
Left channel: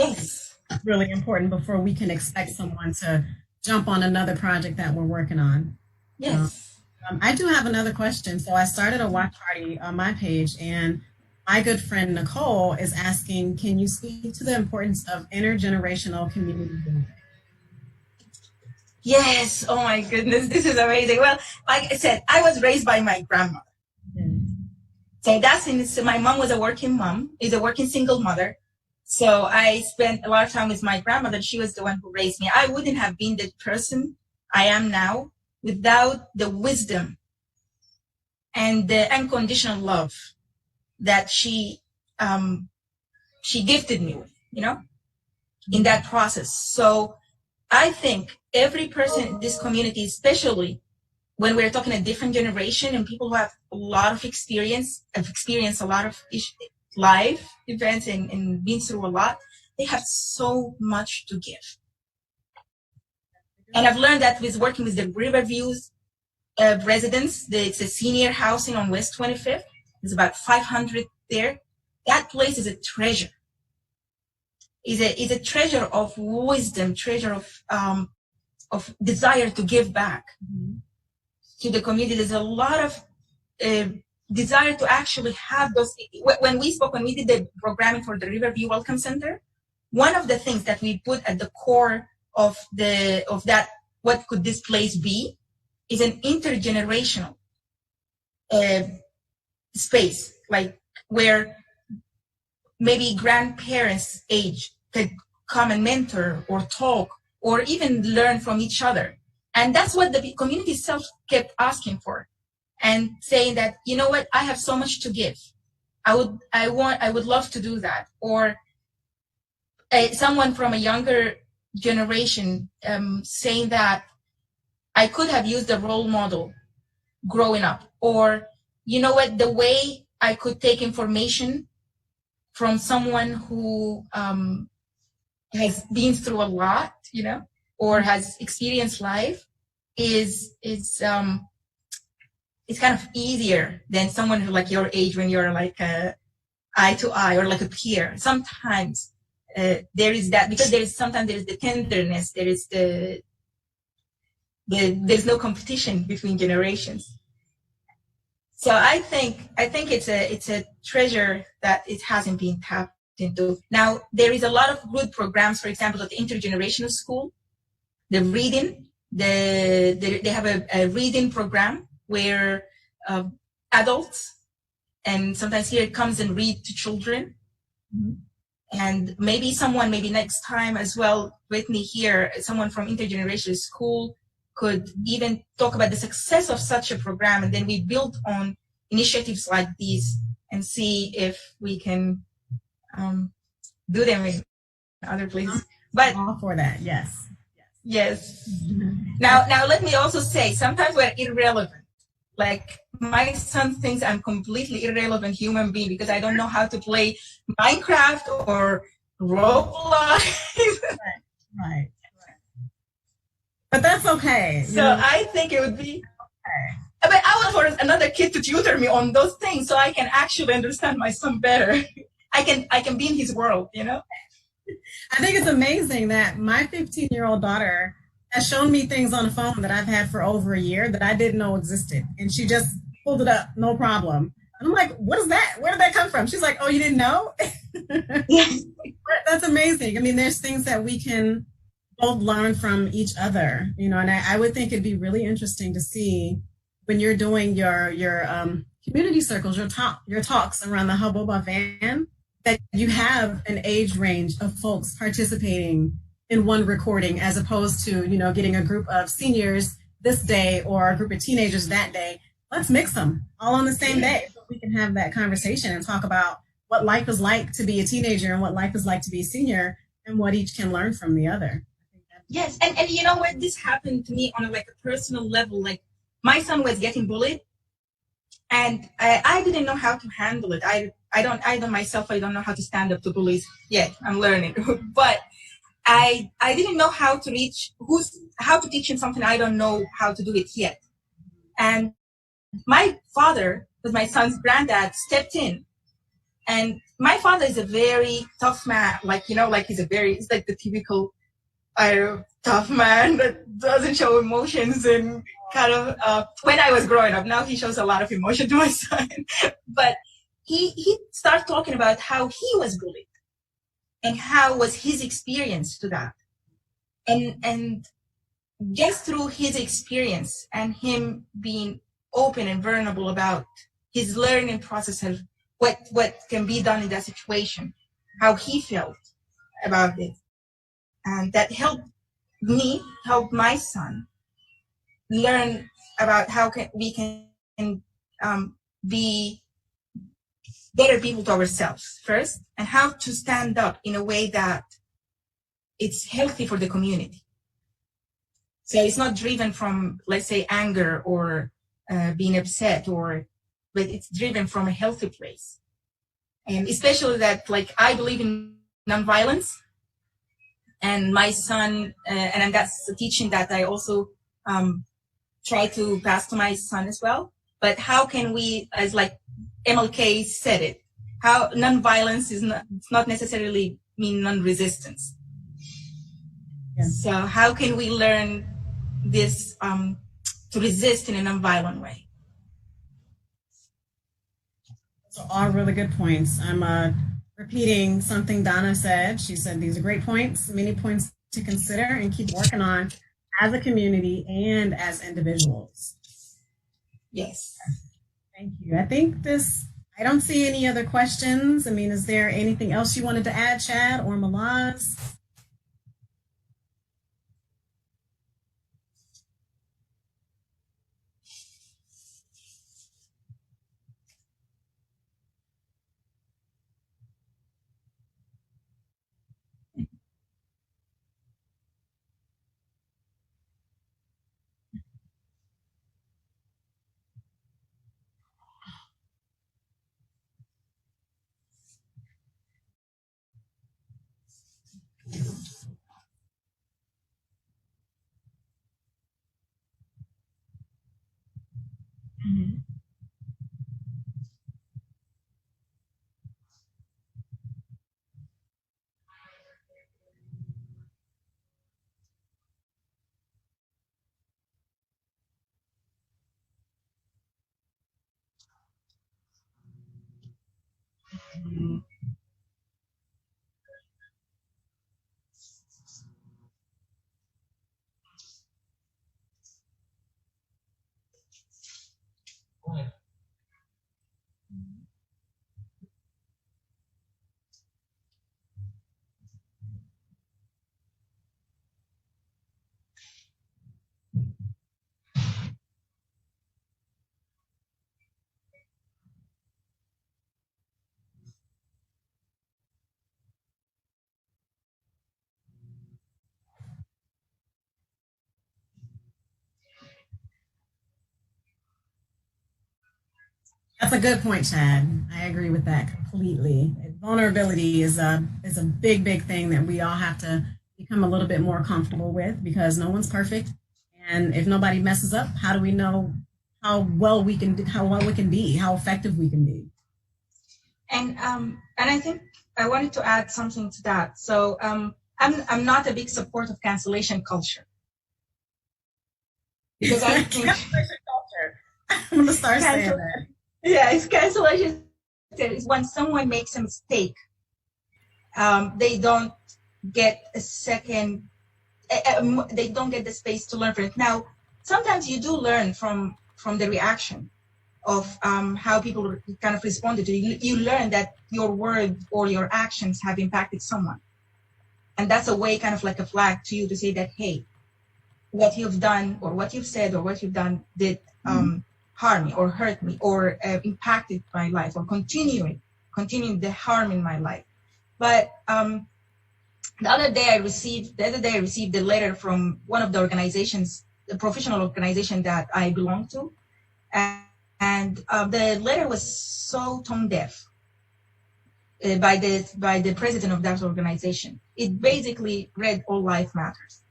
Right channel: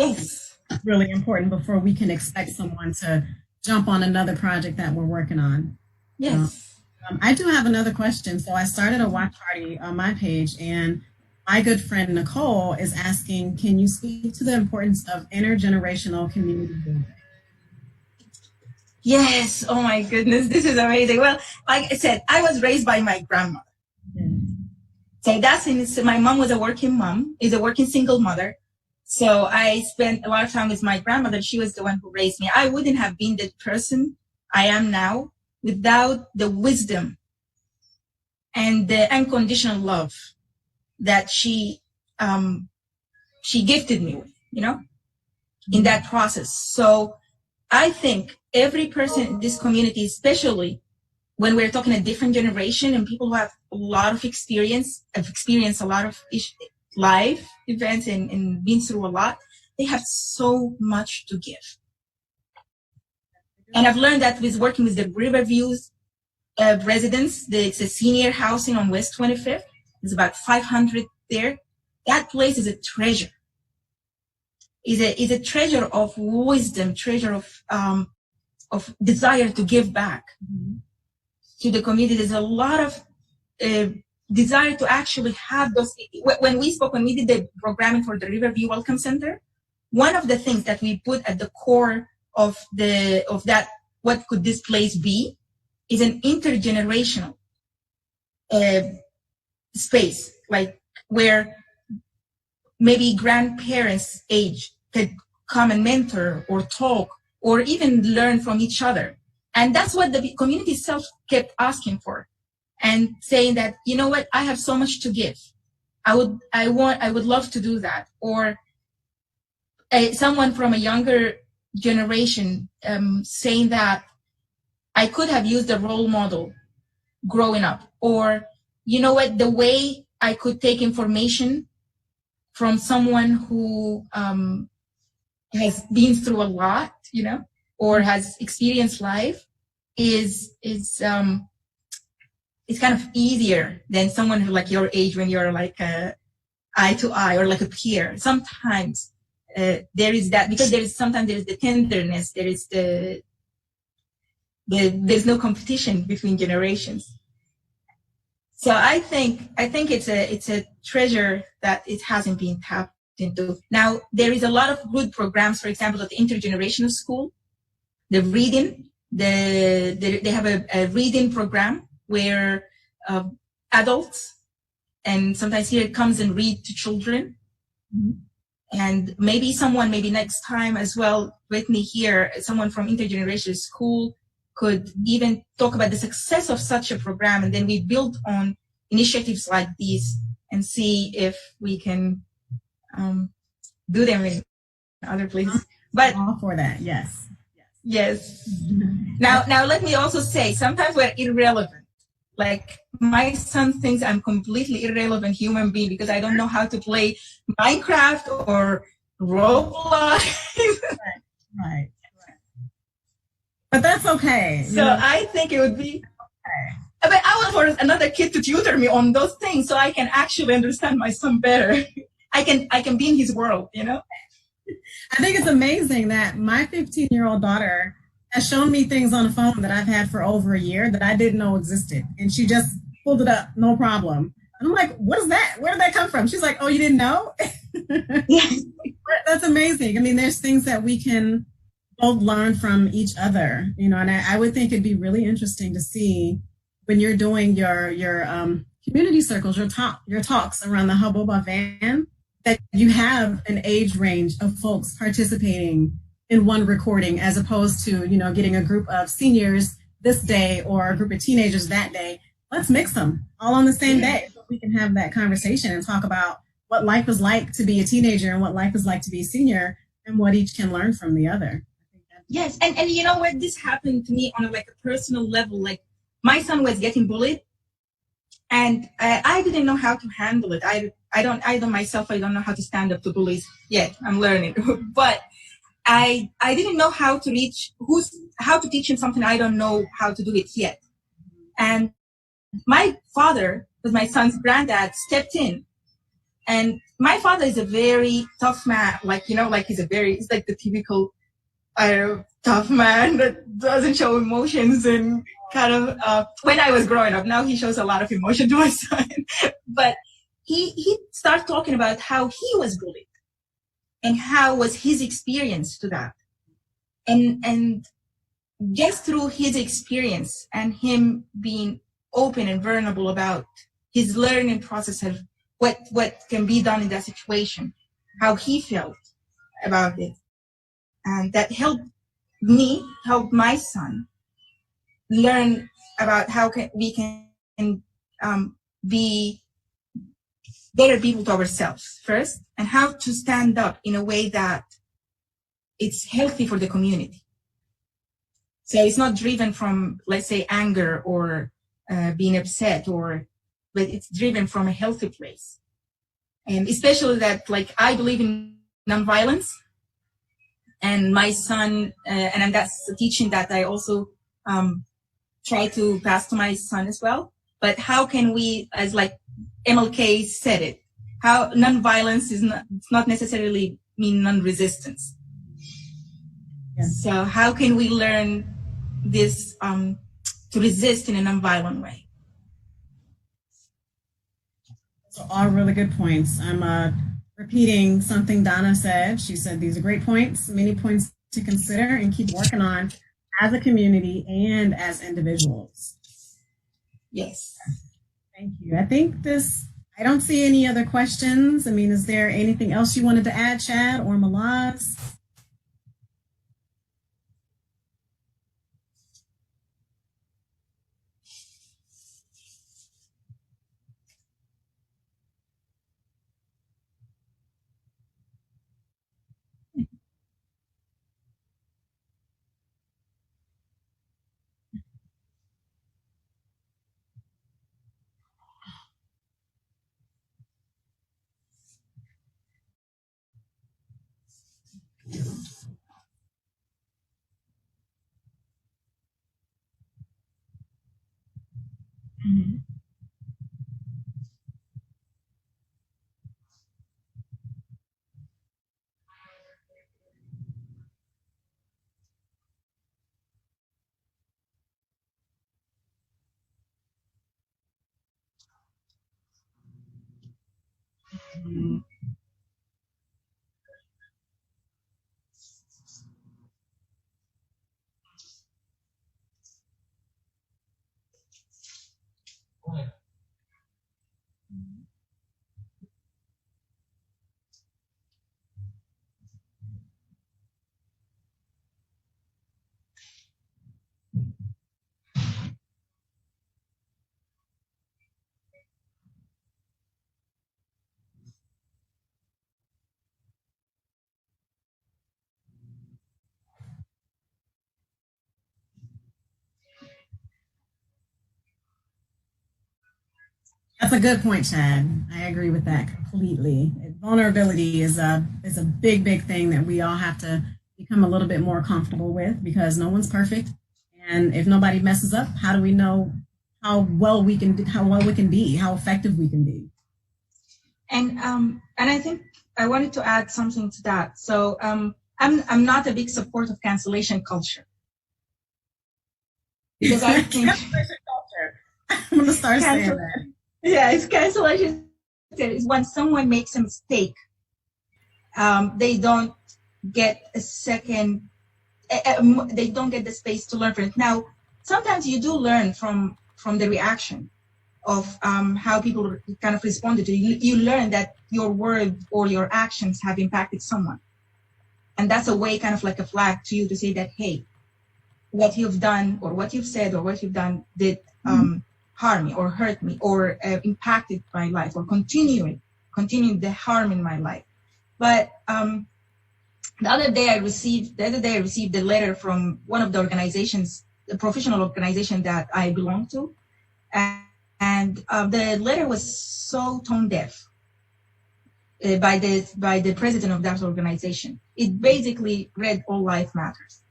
really important before we can expect someone to jump on another project that we're working on. Yes. I do have another question. So I started a watch party on my page, and my good friend Nicole is asking, can you speak to the importance of intergenerational community building? Yes. Oh my goodness, this is amazing. Well, like I said, I was raised by my grandmother. So my mom was a working mom, is a working single mother. So I spent a lot of time with my grandmother. She was the one who raised me. I wouldn't have been the person I am now without the wisdom and the unconditional love that she gifted me with, in that process. So I think every person in this community, especially when we're talking a different generation and people who have a lot of experience, have experienced a lot of life events and been through a lot, they have so much to give. And I've learned that with working with the Riverview's residents, it's a senior housing on West 25th. There's about 500 there. That place is a treasure. Is a treasure of wisdom, treasure of desire to give back to the community. There's a lot of desire to actually have those. When we did the programming for the Riverview Welcome Center, one of the things that we put at the core of that, what could this place be, is an intergenerational space, like where maybe grandparents' age could come and mentor or talk or even learn from each other. And that's what the community itself kept asking for, and saying that, you know what, I have so much to give. I would love to do that. Or someone from a younger generation saying that I could have used a role model growing up, or you know what, the way I could take information from someone who has been through a lot, or has experienced life is kind of easier than someone who like your age, when you're like eye to eye or like a peer. Sometimes there is that, because sometimes there's the tenderness, there's no competition between generations. So I think it's a treasure that it hasn't been tapped into. Now there is a lot of good programs, for example, at the intergenerational school, the reading, they have a reading program where adults, and sometimes here it comes and read to children. And maybe next time as well with me here, someone from intergenerational school could even talk about the success of such a program, and then we build on initiatives like these and see if we can do them in other places. But all for that, yes. Yes. Now let me also say, sometimes we're irrelevant. Like my son thinks I'm completely irrelevant human being because I don't know how to play Minecraft or Roblox. Right. But that's okay. So I think it would be But I want for another kid to tutor me on those things so I can actually understand my son better. I can be in his world, you know? I think it's amazing that my 15-year-old daughter has shown me things on the phone that I've had for over a year that I didn't know existed. And she just pulled it up, no problem. And I'm like, what is that? Where did that come from? She's like, oh, you didn't know? Yes. That's amazing. I mean, there's things that we can both learn from each other, you know, and I would think it'd be really interesting to see when you're doing your community circles, your talks around the Hobboba van, that you have an age range of folks participating in one recording as opposed to, you know, getting a group of seniors this day or a group of teenagers that day. Let's mix them all on the same day so we can have that conversation and talk about what life is like to be a teenager and what life is like to be a senior and what each can learn from the other. Yes, and you know what? This happened to me on a personal level. Like my son was getting bullied, and I didn't know how to handle it. I don't myself. I don't know how to stand up to bullies yet. I'm learning, but I didn't know how to how to teach him something. I don't know how to do it yet. And my father, with my son's granddad, stepped in. And my father is a very tough man. Like, you know, like he's like the typical tough man that doesn't show emotions and kind of, when I was growing up, now he shows a lot of emotion to my son. But he started talking about how he was bullied and how was his experience to that. And just through his experience and him being open and vulnerable about his learning process of what can be done in that situation, how he felt about it. And that helped my son learn about how we can be better people to ourselves first, and how to stand up in a way that it's healthy for the community. So it's not driven from, let's say, anger or being upset, but it's driven from a healthy place. And especially that, like, I believe in nonviolence, and my son, and that's a teaching that I also try to pass to my son as well. But how can we, as like MLK said it, how nonviolence is not necessarily mean non-resistance. Yeah. So how can we learn this to resist in a nonviolent way? So all really good points. I'm repeating something Donna said. She said these are great points, many points to consider and keep working on as a community and as individuals. Yes. Thank you. I think I don't see any other questions. I mean, is there anything else you wanted to add, Chad or Malaz? Mm-hmm. Mm-hmm. That's a good point, Chad. I agree with that completely. Vulnerability is a big, big thing that we all have to become a little bit more comfortable with, because no one's perfect. And if nobody messes up, how do we know well we can be, how effective we can be. And I think I wanted to add something to that. So I'm not a big support of cancellation culture, because I think cancellation culture. I'm gonna start saying that. Yeah, it's cancellation. It's when someone makes a mistake, they don't get a second. They don't get the space to learn from it. Now, sometimes you do learn from the reaction of how people kind of responded to you. You learn that your word or your actions have impacted someone. And that's a way, kind of like a flag to you to say that, hey, what you've done or what you've said or what you've done did harm me or hurt me or impacted my life or continuing the harm in my life. But the other day I received a letter from one of the organizations, the professional organization that I belong to. And the letter was so tone deaf by the president of that organization. It basically read, "All life matters."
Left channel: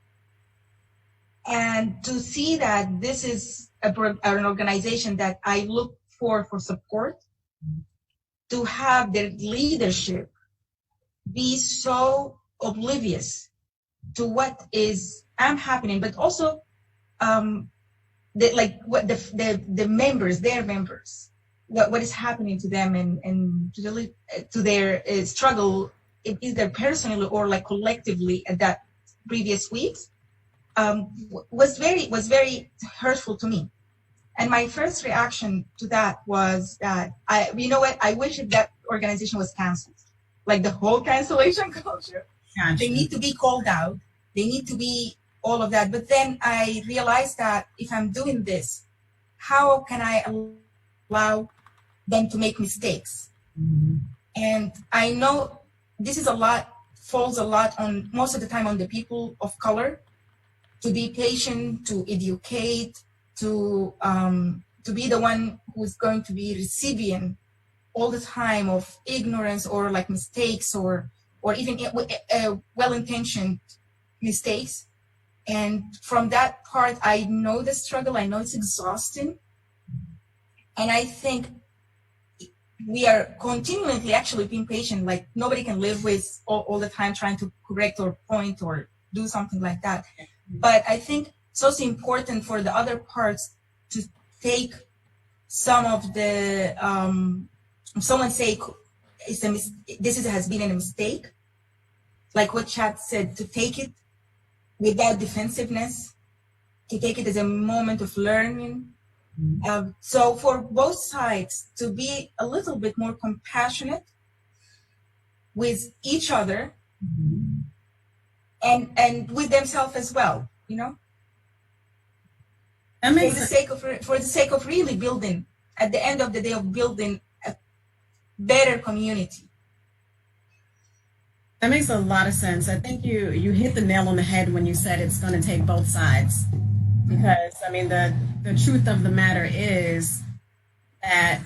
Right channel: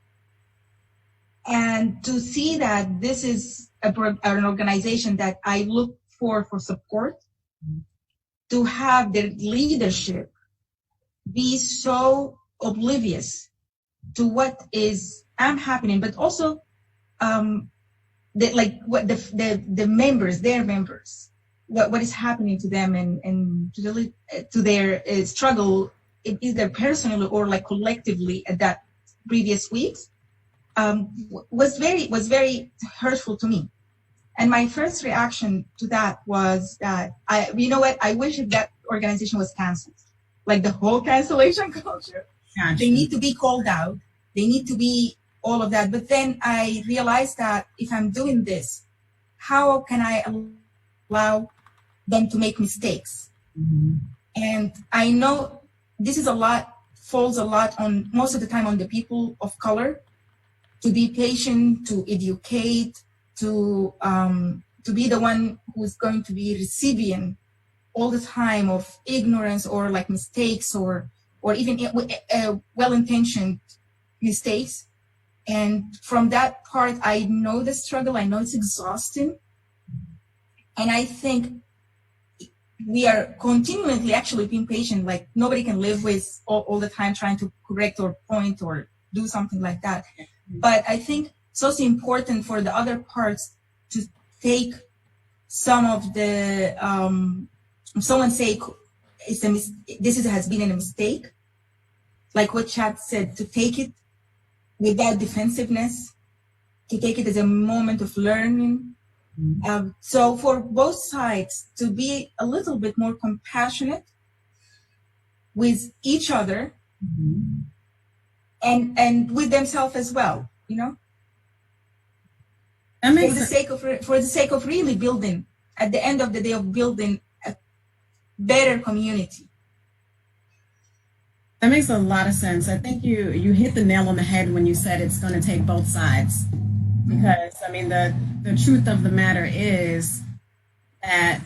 And to see that this is an organization that I look for support, to have their leadership be so oblivious to what is happening, but also the members, their members, what is happening to them and to their struggle, either personally or like collectively at that previous weeks, was very hurtful to me. And my first reaction to that was that I wish that organization was canceled, like the whole cancellation culture. Gotcha. They need to be called out. They need to be all of that. But then I realized that if I'm doing this, how can I allow them to make mistakes? Mm-hmm. And I know this is falls a lot on, most of the time, on the people of color, to be patient, to educate, to be the one who's going to be receiving all the time of ignorance or like mistakes or even well-intentioned mistakes. And from that part, I know the struggle. I know it's exhausting. And I think we are continually actually being patient. Like nobody can live with all the time trying to correct or point or do something like that. But I think it's also important for the other parts to take some of the, someone say this has been a mistake, like what Chad said, to take it without defensiveness, to take it as a moment of learning. So for both sides to be a little bit more compassionate with each other, and with themselves as well, That makes for the sake of really building, at the end of the day, of building a better community. That makes a lot of sense. I think you hit the nail on the head when you said it's going to take both sides. Because, I mean, the truth of the matter is that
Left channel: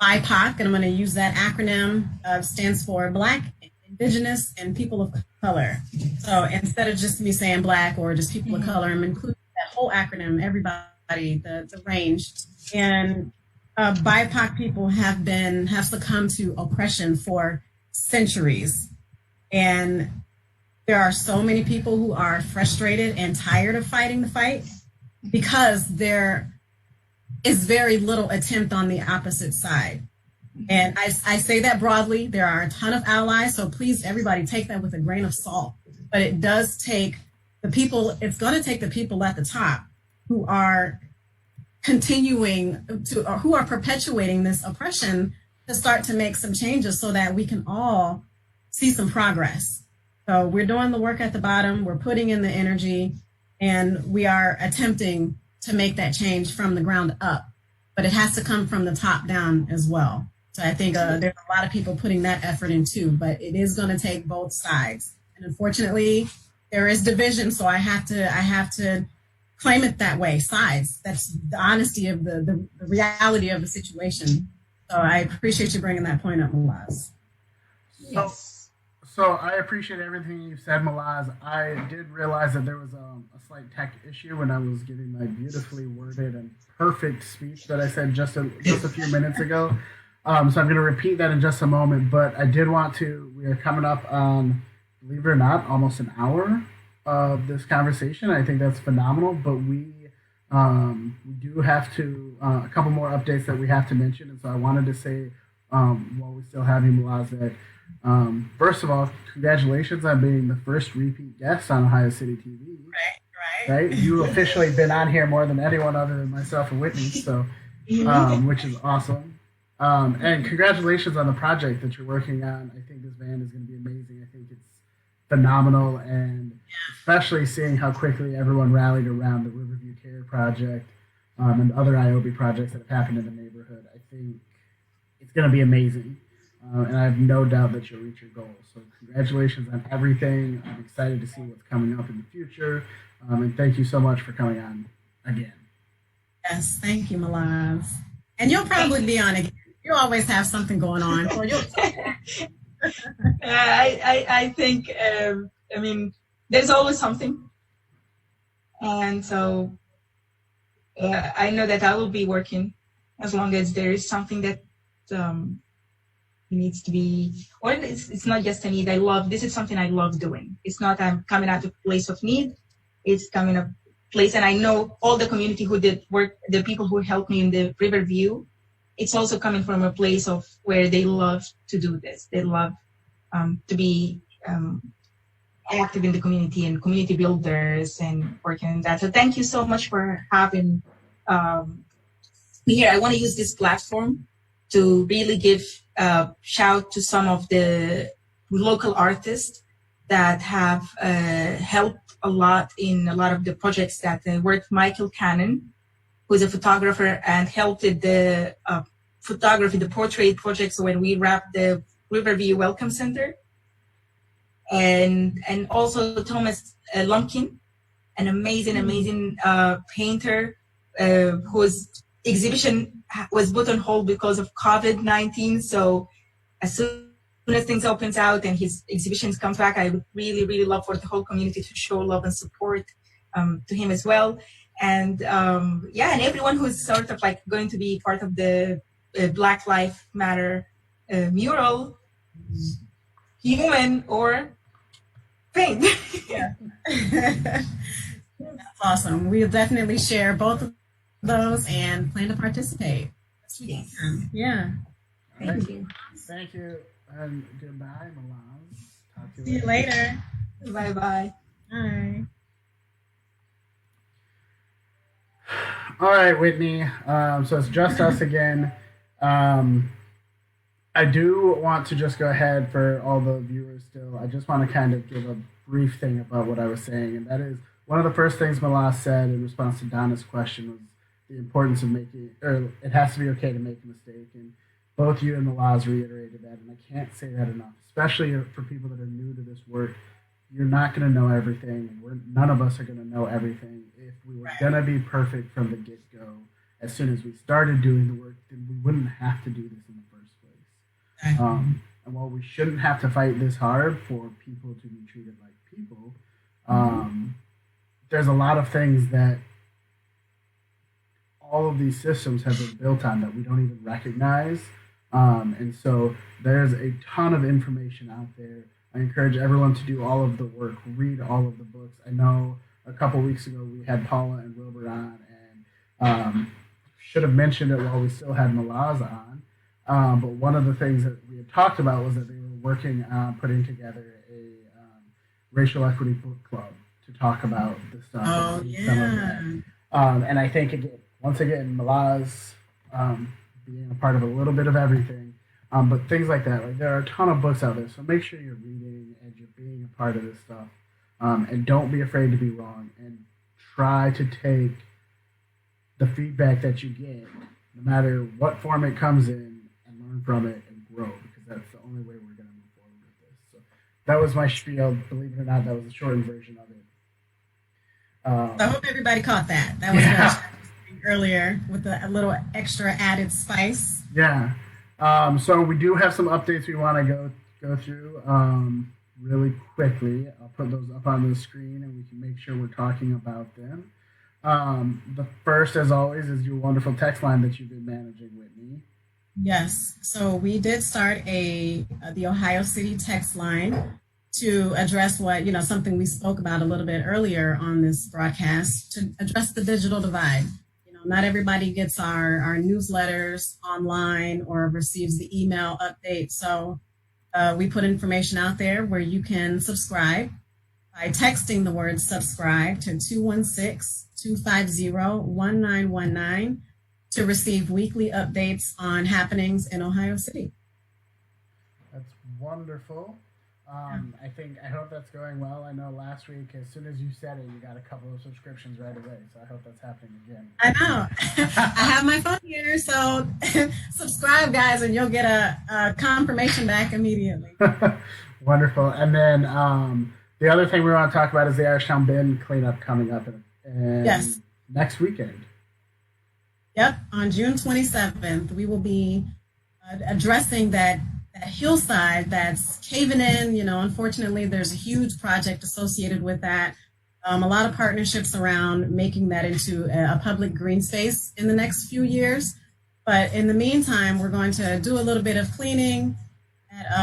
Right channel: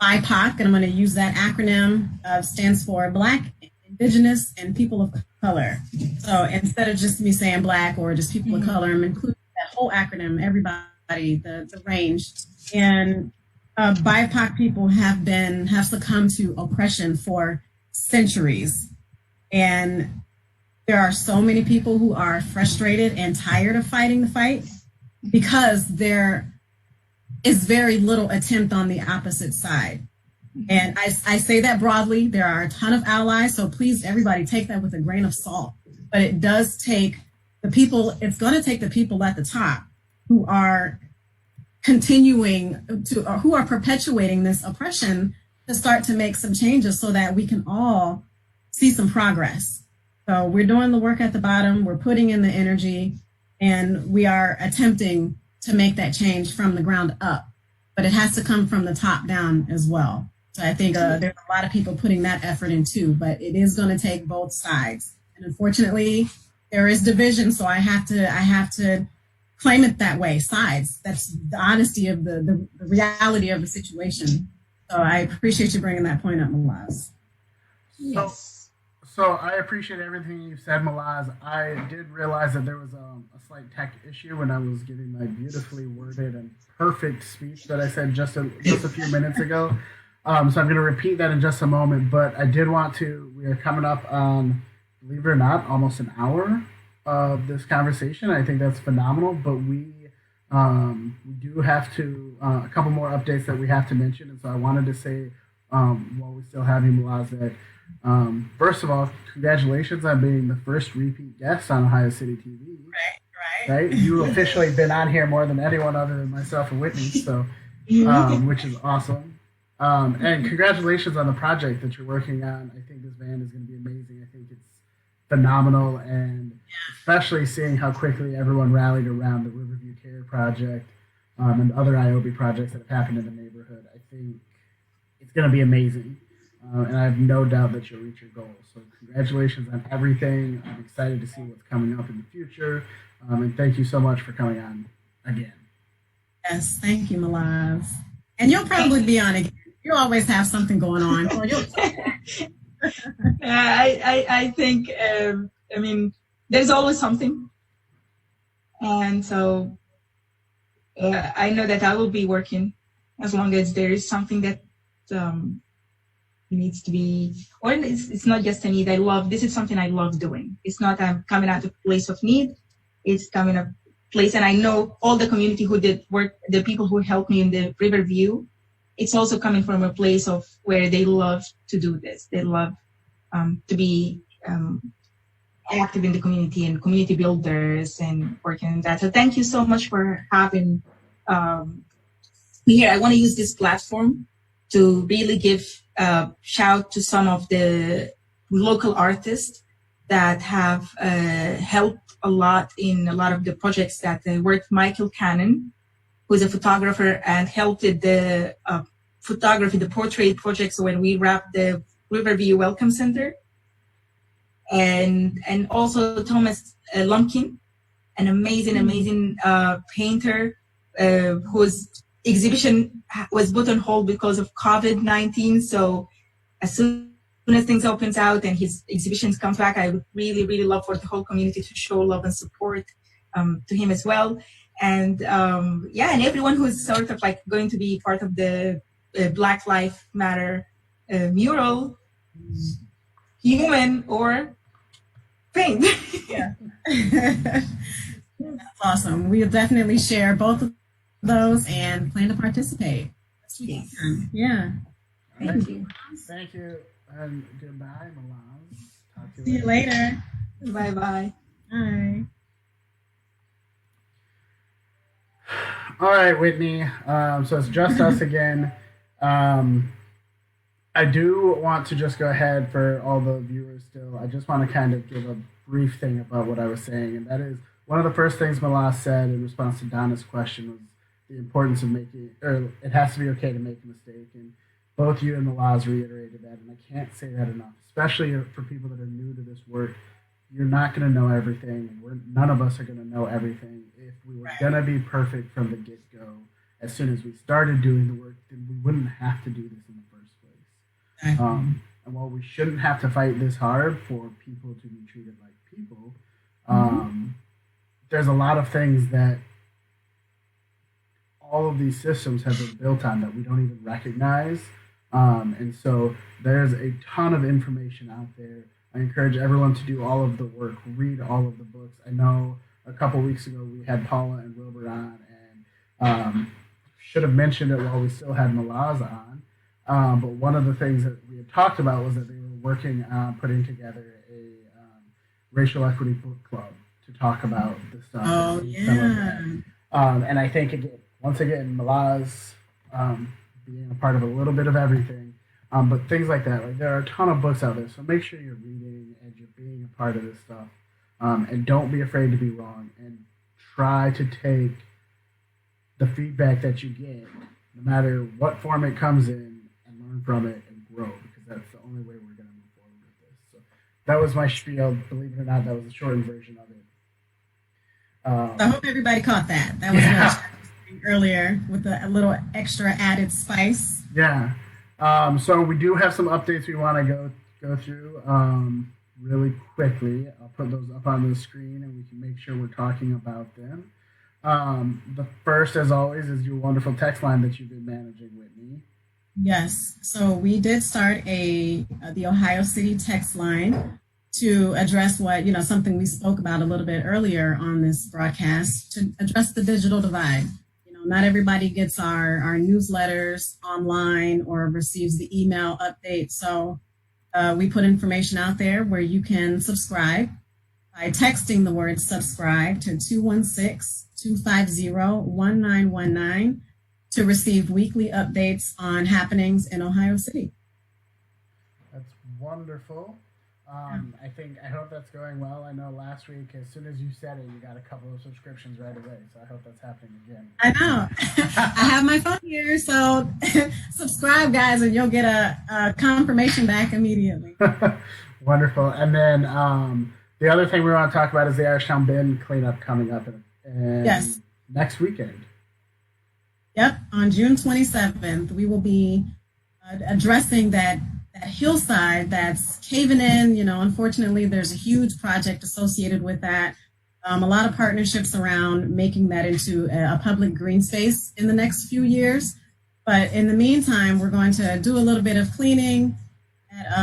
BIPOC, and I'm going to use that acronym, stands for Black, Indigenous, and People of Color. So instead of just me saying Black or just people of color, I'm including that whole acronym, everybody, the range. And BIPOC people have succumbed to oppression for centuries. And there are so many people who are frustrated and tired of fighting the fight because there is very little attempt on the opposite side. And I say that broadly. There are a ton of allies, so please, everybody, take that with a grain of salt. But it does take the people, it's going to take the people at the top who are who are perpetuating this oppression to start to make some changes so that we can all see some progress. So we're doing the work at the bottom, we're putting in the energy, and we are attempting to make that change from the ground up. But it has to come from the top down as well. So I think there's a lot of people putting that effort in too, but it is going to take both sides. And unfortunately, there is division, so I have to claim it that way, sides. That's the honesty of the reality of the situation. So I appreciate you bringing that point up, Malaz. So, So I appreciate everything you said, Malaz. I did realize that there was a slight tech issue when I was giving my beautifully worded and perfect speech that I said just a few minutes ago. So I'm going to repeat that in just a moment. But I did want to. We are coming up on, believe it or not, almost an hour of this conversation. I think that's phenomenal. But we do have to a couple more updates that we have to mention, and so I wanted to say while we still have you, Malaz, that first of all, congratulations on being the first repeat guest on Ohio City TV. Right. You've officially been on here more than anyone other than myself and Whitney, so which is awesome. And congratulations on the project that you're working on. I think this band is going to be amazing. I think it's phenomenal, and especially seeing how quickly everyone rallied around the Riverview Care Project and other IOBY projects that have happened in the neighborhood. I think it's going to be amazing. And I have no doubt that you'll reach your goals. So congratulations on everything. I'm excited to see what's coming up in the future. And thank you so much for coming on again. Yes, thank you, Malaz. And you'll probably be on again. You always have something going on. So I think, I mean, there's always something. And so I know that I will be working as long as there is something that needs to be, or it's not just a need. This is something I love doing. It's not I'm coming out of a place of need. It's coming a place, and I know all the community who did work, the people who helped me in the Riverview, it's also coming from a place of where they love to do this. They love to be active in the community and community builders and working on that. So thank you so much for having me here. I want to use this platform to really give a shout to some of the local artists that have helped a lot in a lot of the projects that I worked. Michael Cannon, who's a photographer and helped with the photography, the portrait projects when we wrapped the Riverview Welcome Center. And also Thomas Lumpkin, an amazing painter whose exhibition was put on hold because of COVID-19. So as soon as things opens out and his exhibitions comes back, I would really love for the whole community to show love and support to him as well. And and everyone who's sort of like going to be part of the Black Lives Matter mural, human or thing. Yeah. That's awesome. We'll definitely share both of those and plan to participate. Yes. Yeah. Thank you. Thank you. And goodbye, Malaz. Talk to you See you later. Bye-bye. Bye. All right, Whitney. So it's just us again. I do want to just go ahead for all the viewers still. I just want to kind of give a brief thing about what I was saying. And that is one of the first things Malaz said in response to Donna's question was the importance of it has to be okay to make a mistake. And both you and Malaz reiterated that. And I can't say that enough, especially for people that are new to this work. You're not going to know everything. None of us are going to know everything. If we were going to be perfect from the get-go, as soon as we started doing the work, then we wouldn't have to do this in the first place. And while we shouldn't have to fight this hard for people to be treated like people, there's a lot of things that all of these systems have been built on that we don't even recognize. And so there's a ton of information out there. I encourage everyone to do all of the work, read all of the books. I know a couple weeks ago we had Paula and Wilbur on, and should have mentioned it while we still had Malaz on. But one of the things that we had talked about was that they were working on putting together a racial equity book club to talk about the stuff. Oh, Some of that. And I think, once again, Malaz being a part of a little bit of everything, but things like that. Like, there are a ton of books out there, so make sure you're reading and you're being a part of this stuff. And don't be afraid to be wrong, and try to take the feedback that you get, no matter what form it comes in, and learn from it and grow, because that's the only way we're going to move forward with this. So that was my spiel. Believe it or not, that was a shortened version of it. I hope everybody caught that. That was what I was earlier with a little extra added spice. Yeah. So we do have some updates we want to go go through really quickly. I'll put those up on the screen and we can make sure we're talking about them. The first, as always, is your wonderful text line that you've been managing, Whitney. Yes. So we did start the Ohio City text line to address what, something we spoke about a little bit earlier on this broadcast, to address the digital divide. Not everybody gets our newsletters online or receives the email update. So we put information out there where you can subscribe by texting the word subscribe to 216-250-1919 to receive weekly updates on happenings in Ohio City. That's wonderful. I hope that's going well. I know last week, as soon as you said it, you got a couple of subscriptions right away. So I hope that's happening again. I know. I have my phone here, so subscribe, guys, and you'll get a confirmation back immediately. Wonderful. And then the other thing we want to talk about is the Irishtown bin cleanup coming up yes. next weekend. Yep, on June 27th, we will be addressing that hillside that's caving in. Unfortunately, there's a huge project associated with that. A lot of partnerships around making that into a public green space in the next few years. But in the meantime, we're going to do a little bit of cleaning at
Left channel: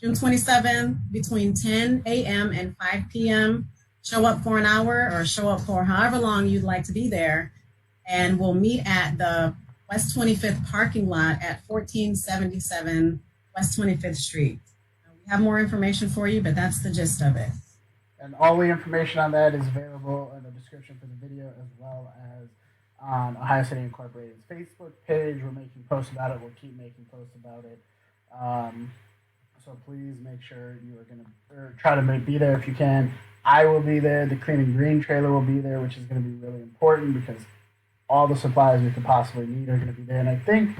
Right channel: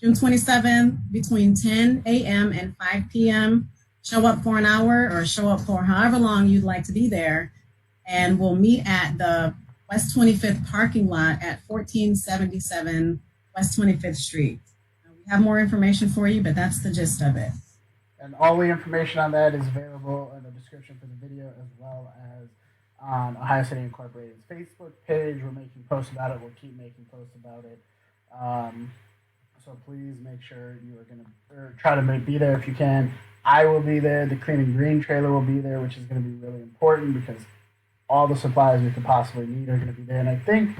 June 27th between 10 a.m. and 5 p.m. Show up for an hour or show up for however long you'd like to be there. And we'll meet at the West 25th parking lot at 1477 West 25th Street. We have more information for you, but that's the gist of it. And all the information on that is available in the description for the video, as well as on Ohio City Incorporated's Facebook page. We're making posts about it. We'll keep making posts about it. So please make sure you are going to try to be there if you can. I will be there. The Clean and Green trailer will be there, which is going to be really important because all the supplies we could possibly need are going to be there. And I think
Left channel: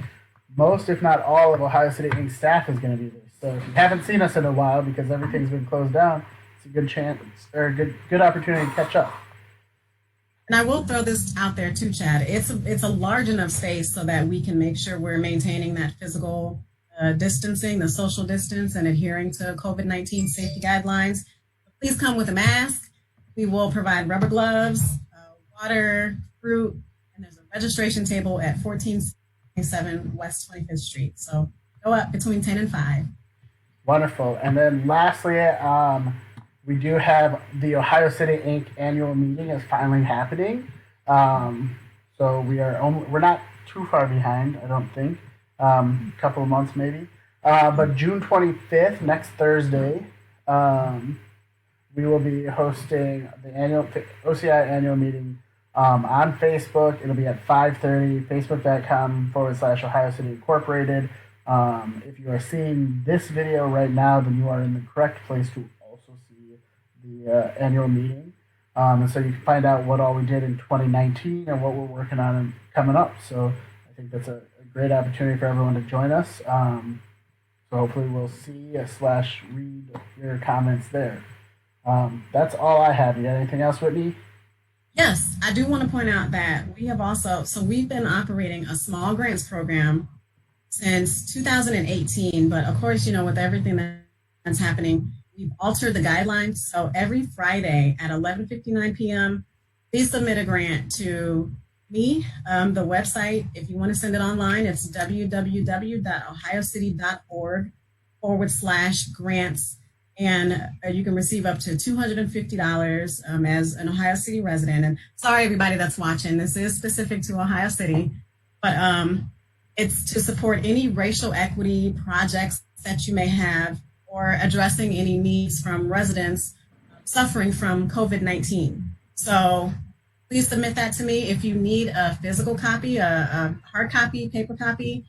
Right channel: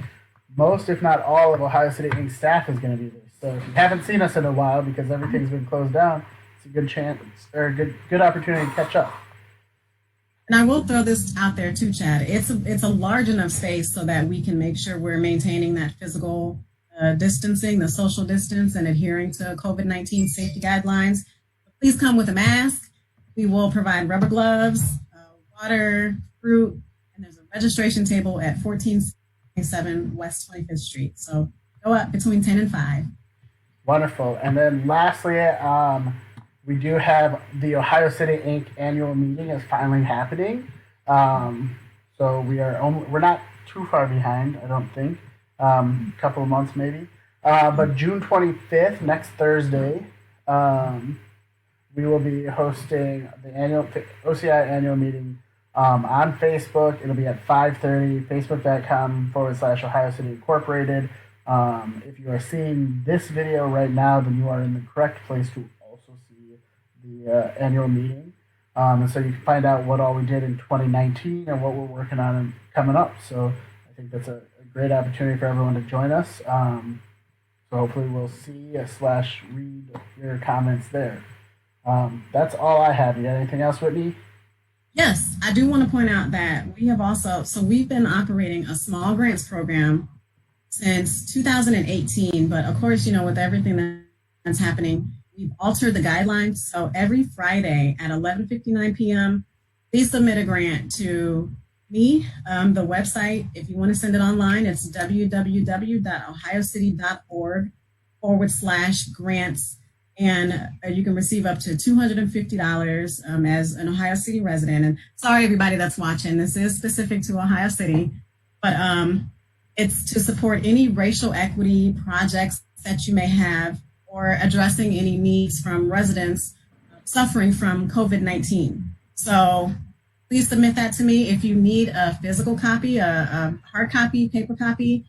most, if not all, of Ohio City Inc. staff is going to be there. So if you haven't seen us in a while because everything's been closed down, it's a good chance or a good opportunity to catch up. And I will throw this out there too, Chad. It's a large enough space so that we can make sure we're maintaining that physical distancing, the social distance, and adhering to COVID-19 safety guidelines. Please come with a mask. We will provide rubber gloves, water, fruit, and there's a registration table at 1477 West 25th Street. So go up between 10 and 5. Wonderful. And then lastly, we do have the Ohio City Inc. annual meeting is finally happening. So we're not too far behind, I don't think. A couple of months maybe. But June 25th, next Thursday, we will be hosting the annual OCI annual meeting on Facebook. It'll be at 5:30, facebook.com/Ohio City Incorporated. If you are seeing this video right now, then you are in the correct place to also see the annual meeting. And so you can find out what all we did in 2019 and what we're working on and coming up. So I think that's a great opportunity for everyone to join us. So hopefully we'll see / read your comments there. That's all I have. You got anything else, Whitney? Yes, I do want to point out that we've been operating a small grants program since 2018, but of course, with everything that's happening, we've altered the guidelines. So every Friday at 11:59 p.m., please submit a grant to me. The website, if you want to send it online, it's www.ohiocity.org/grants. And you can receive up to $250 as an Ohio City resident. And sorry, everybody that's watching, this is specific to Ohio City, but it's to support any racial equity projects that you may have or addressing any needs from residents suffering from COVID-19. So please submit that to me. If you need a physical copy, a hard copy, paper copy,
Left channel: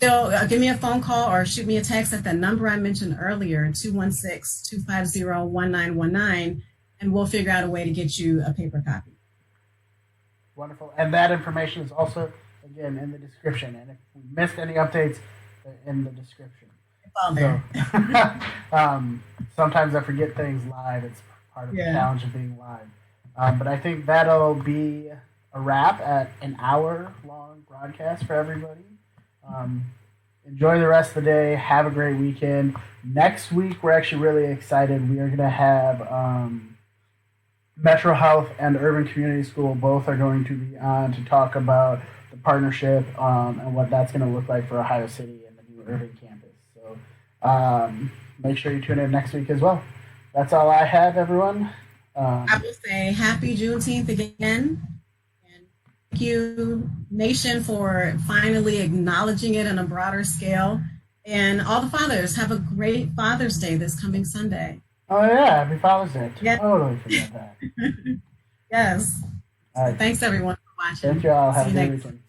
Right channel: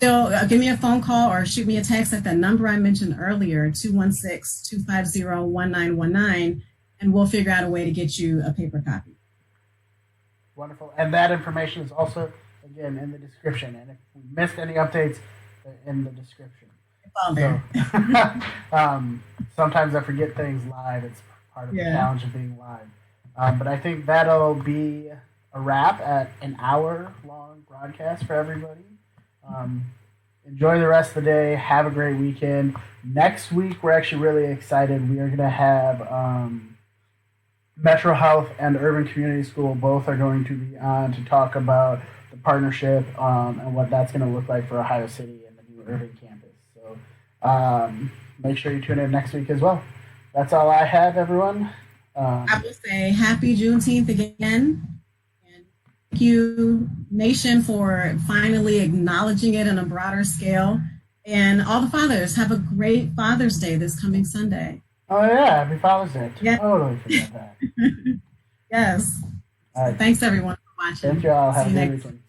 give me a phone call or shoot me a text at the number I mentioned earlier, 216-250-1919, and we'll figure out a way to get you a paper copy. Wonderful. And that information is also, again, in the description. And if we missed any updates, they're in the description. It's all there. So, sometimes I forget things live. It's part of the challenge of being live. But I think that'll be a wrap at an hour-long broadcast for everybody. enjoy the rest of the day. Have a great weekend. Next week, we're actually really excited. We are going to have Metro Health and Urban Community School both are going to be on to talk about the partnership and what that's going to look like for Ohio City and the new urban campus. So make sure you tune in next week as well. That's all I have, everyone. I will say happy Juneteenth again. And thank you, Nation, for finally acknowledging it on a broader scale. And all the fathers, have a great Father's Day this coming Sunday. Oh, yeah. Happy Father's Day. Yeah. Totally forgot that. Yes. All right. Thanks, everyone, for watching. Thank you all. Have a See you good next weekend.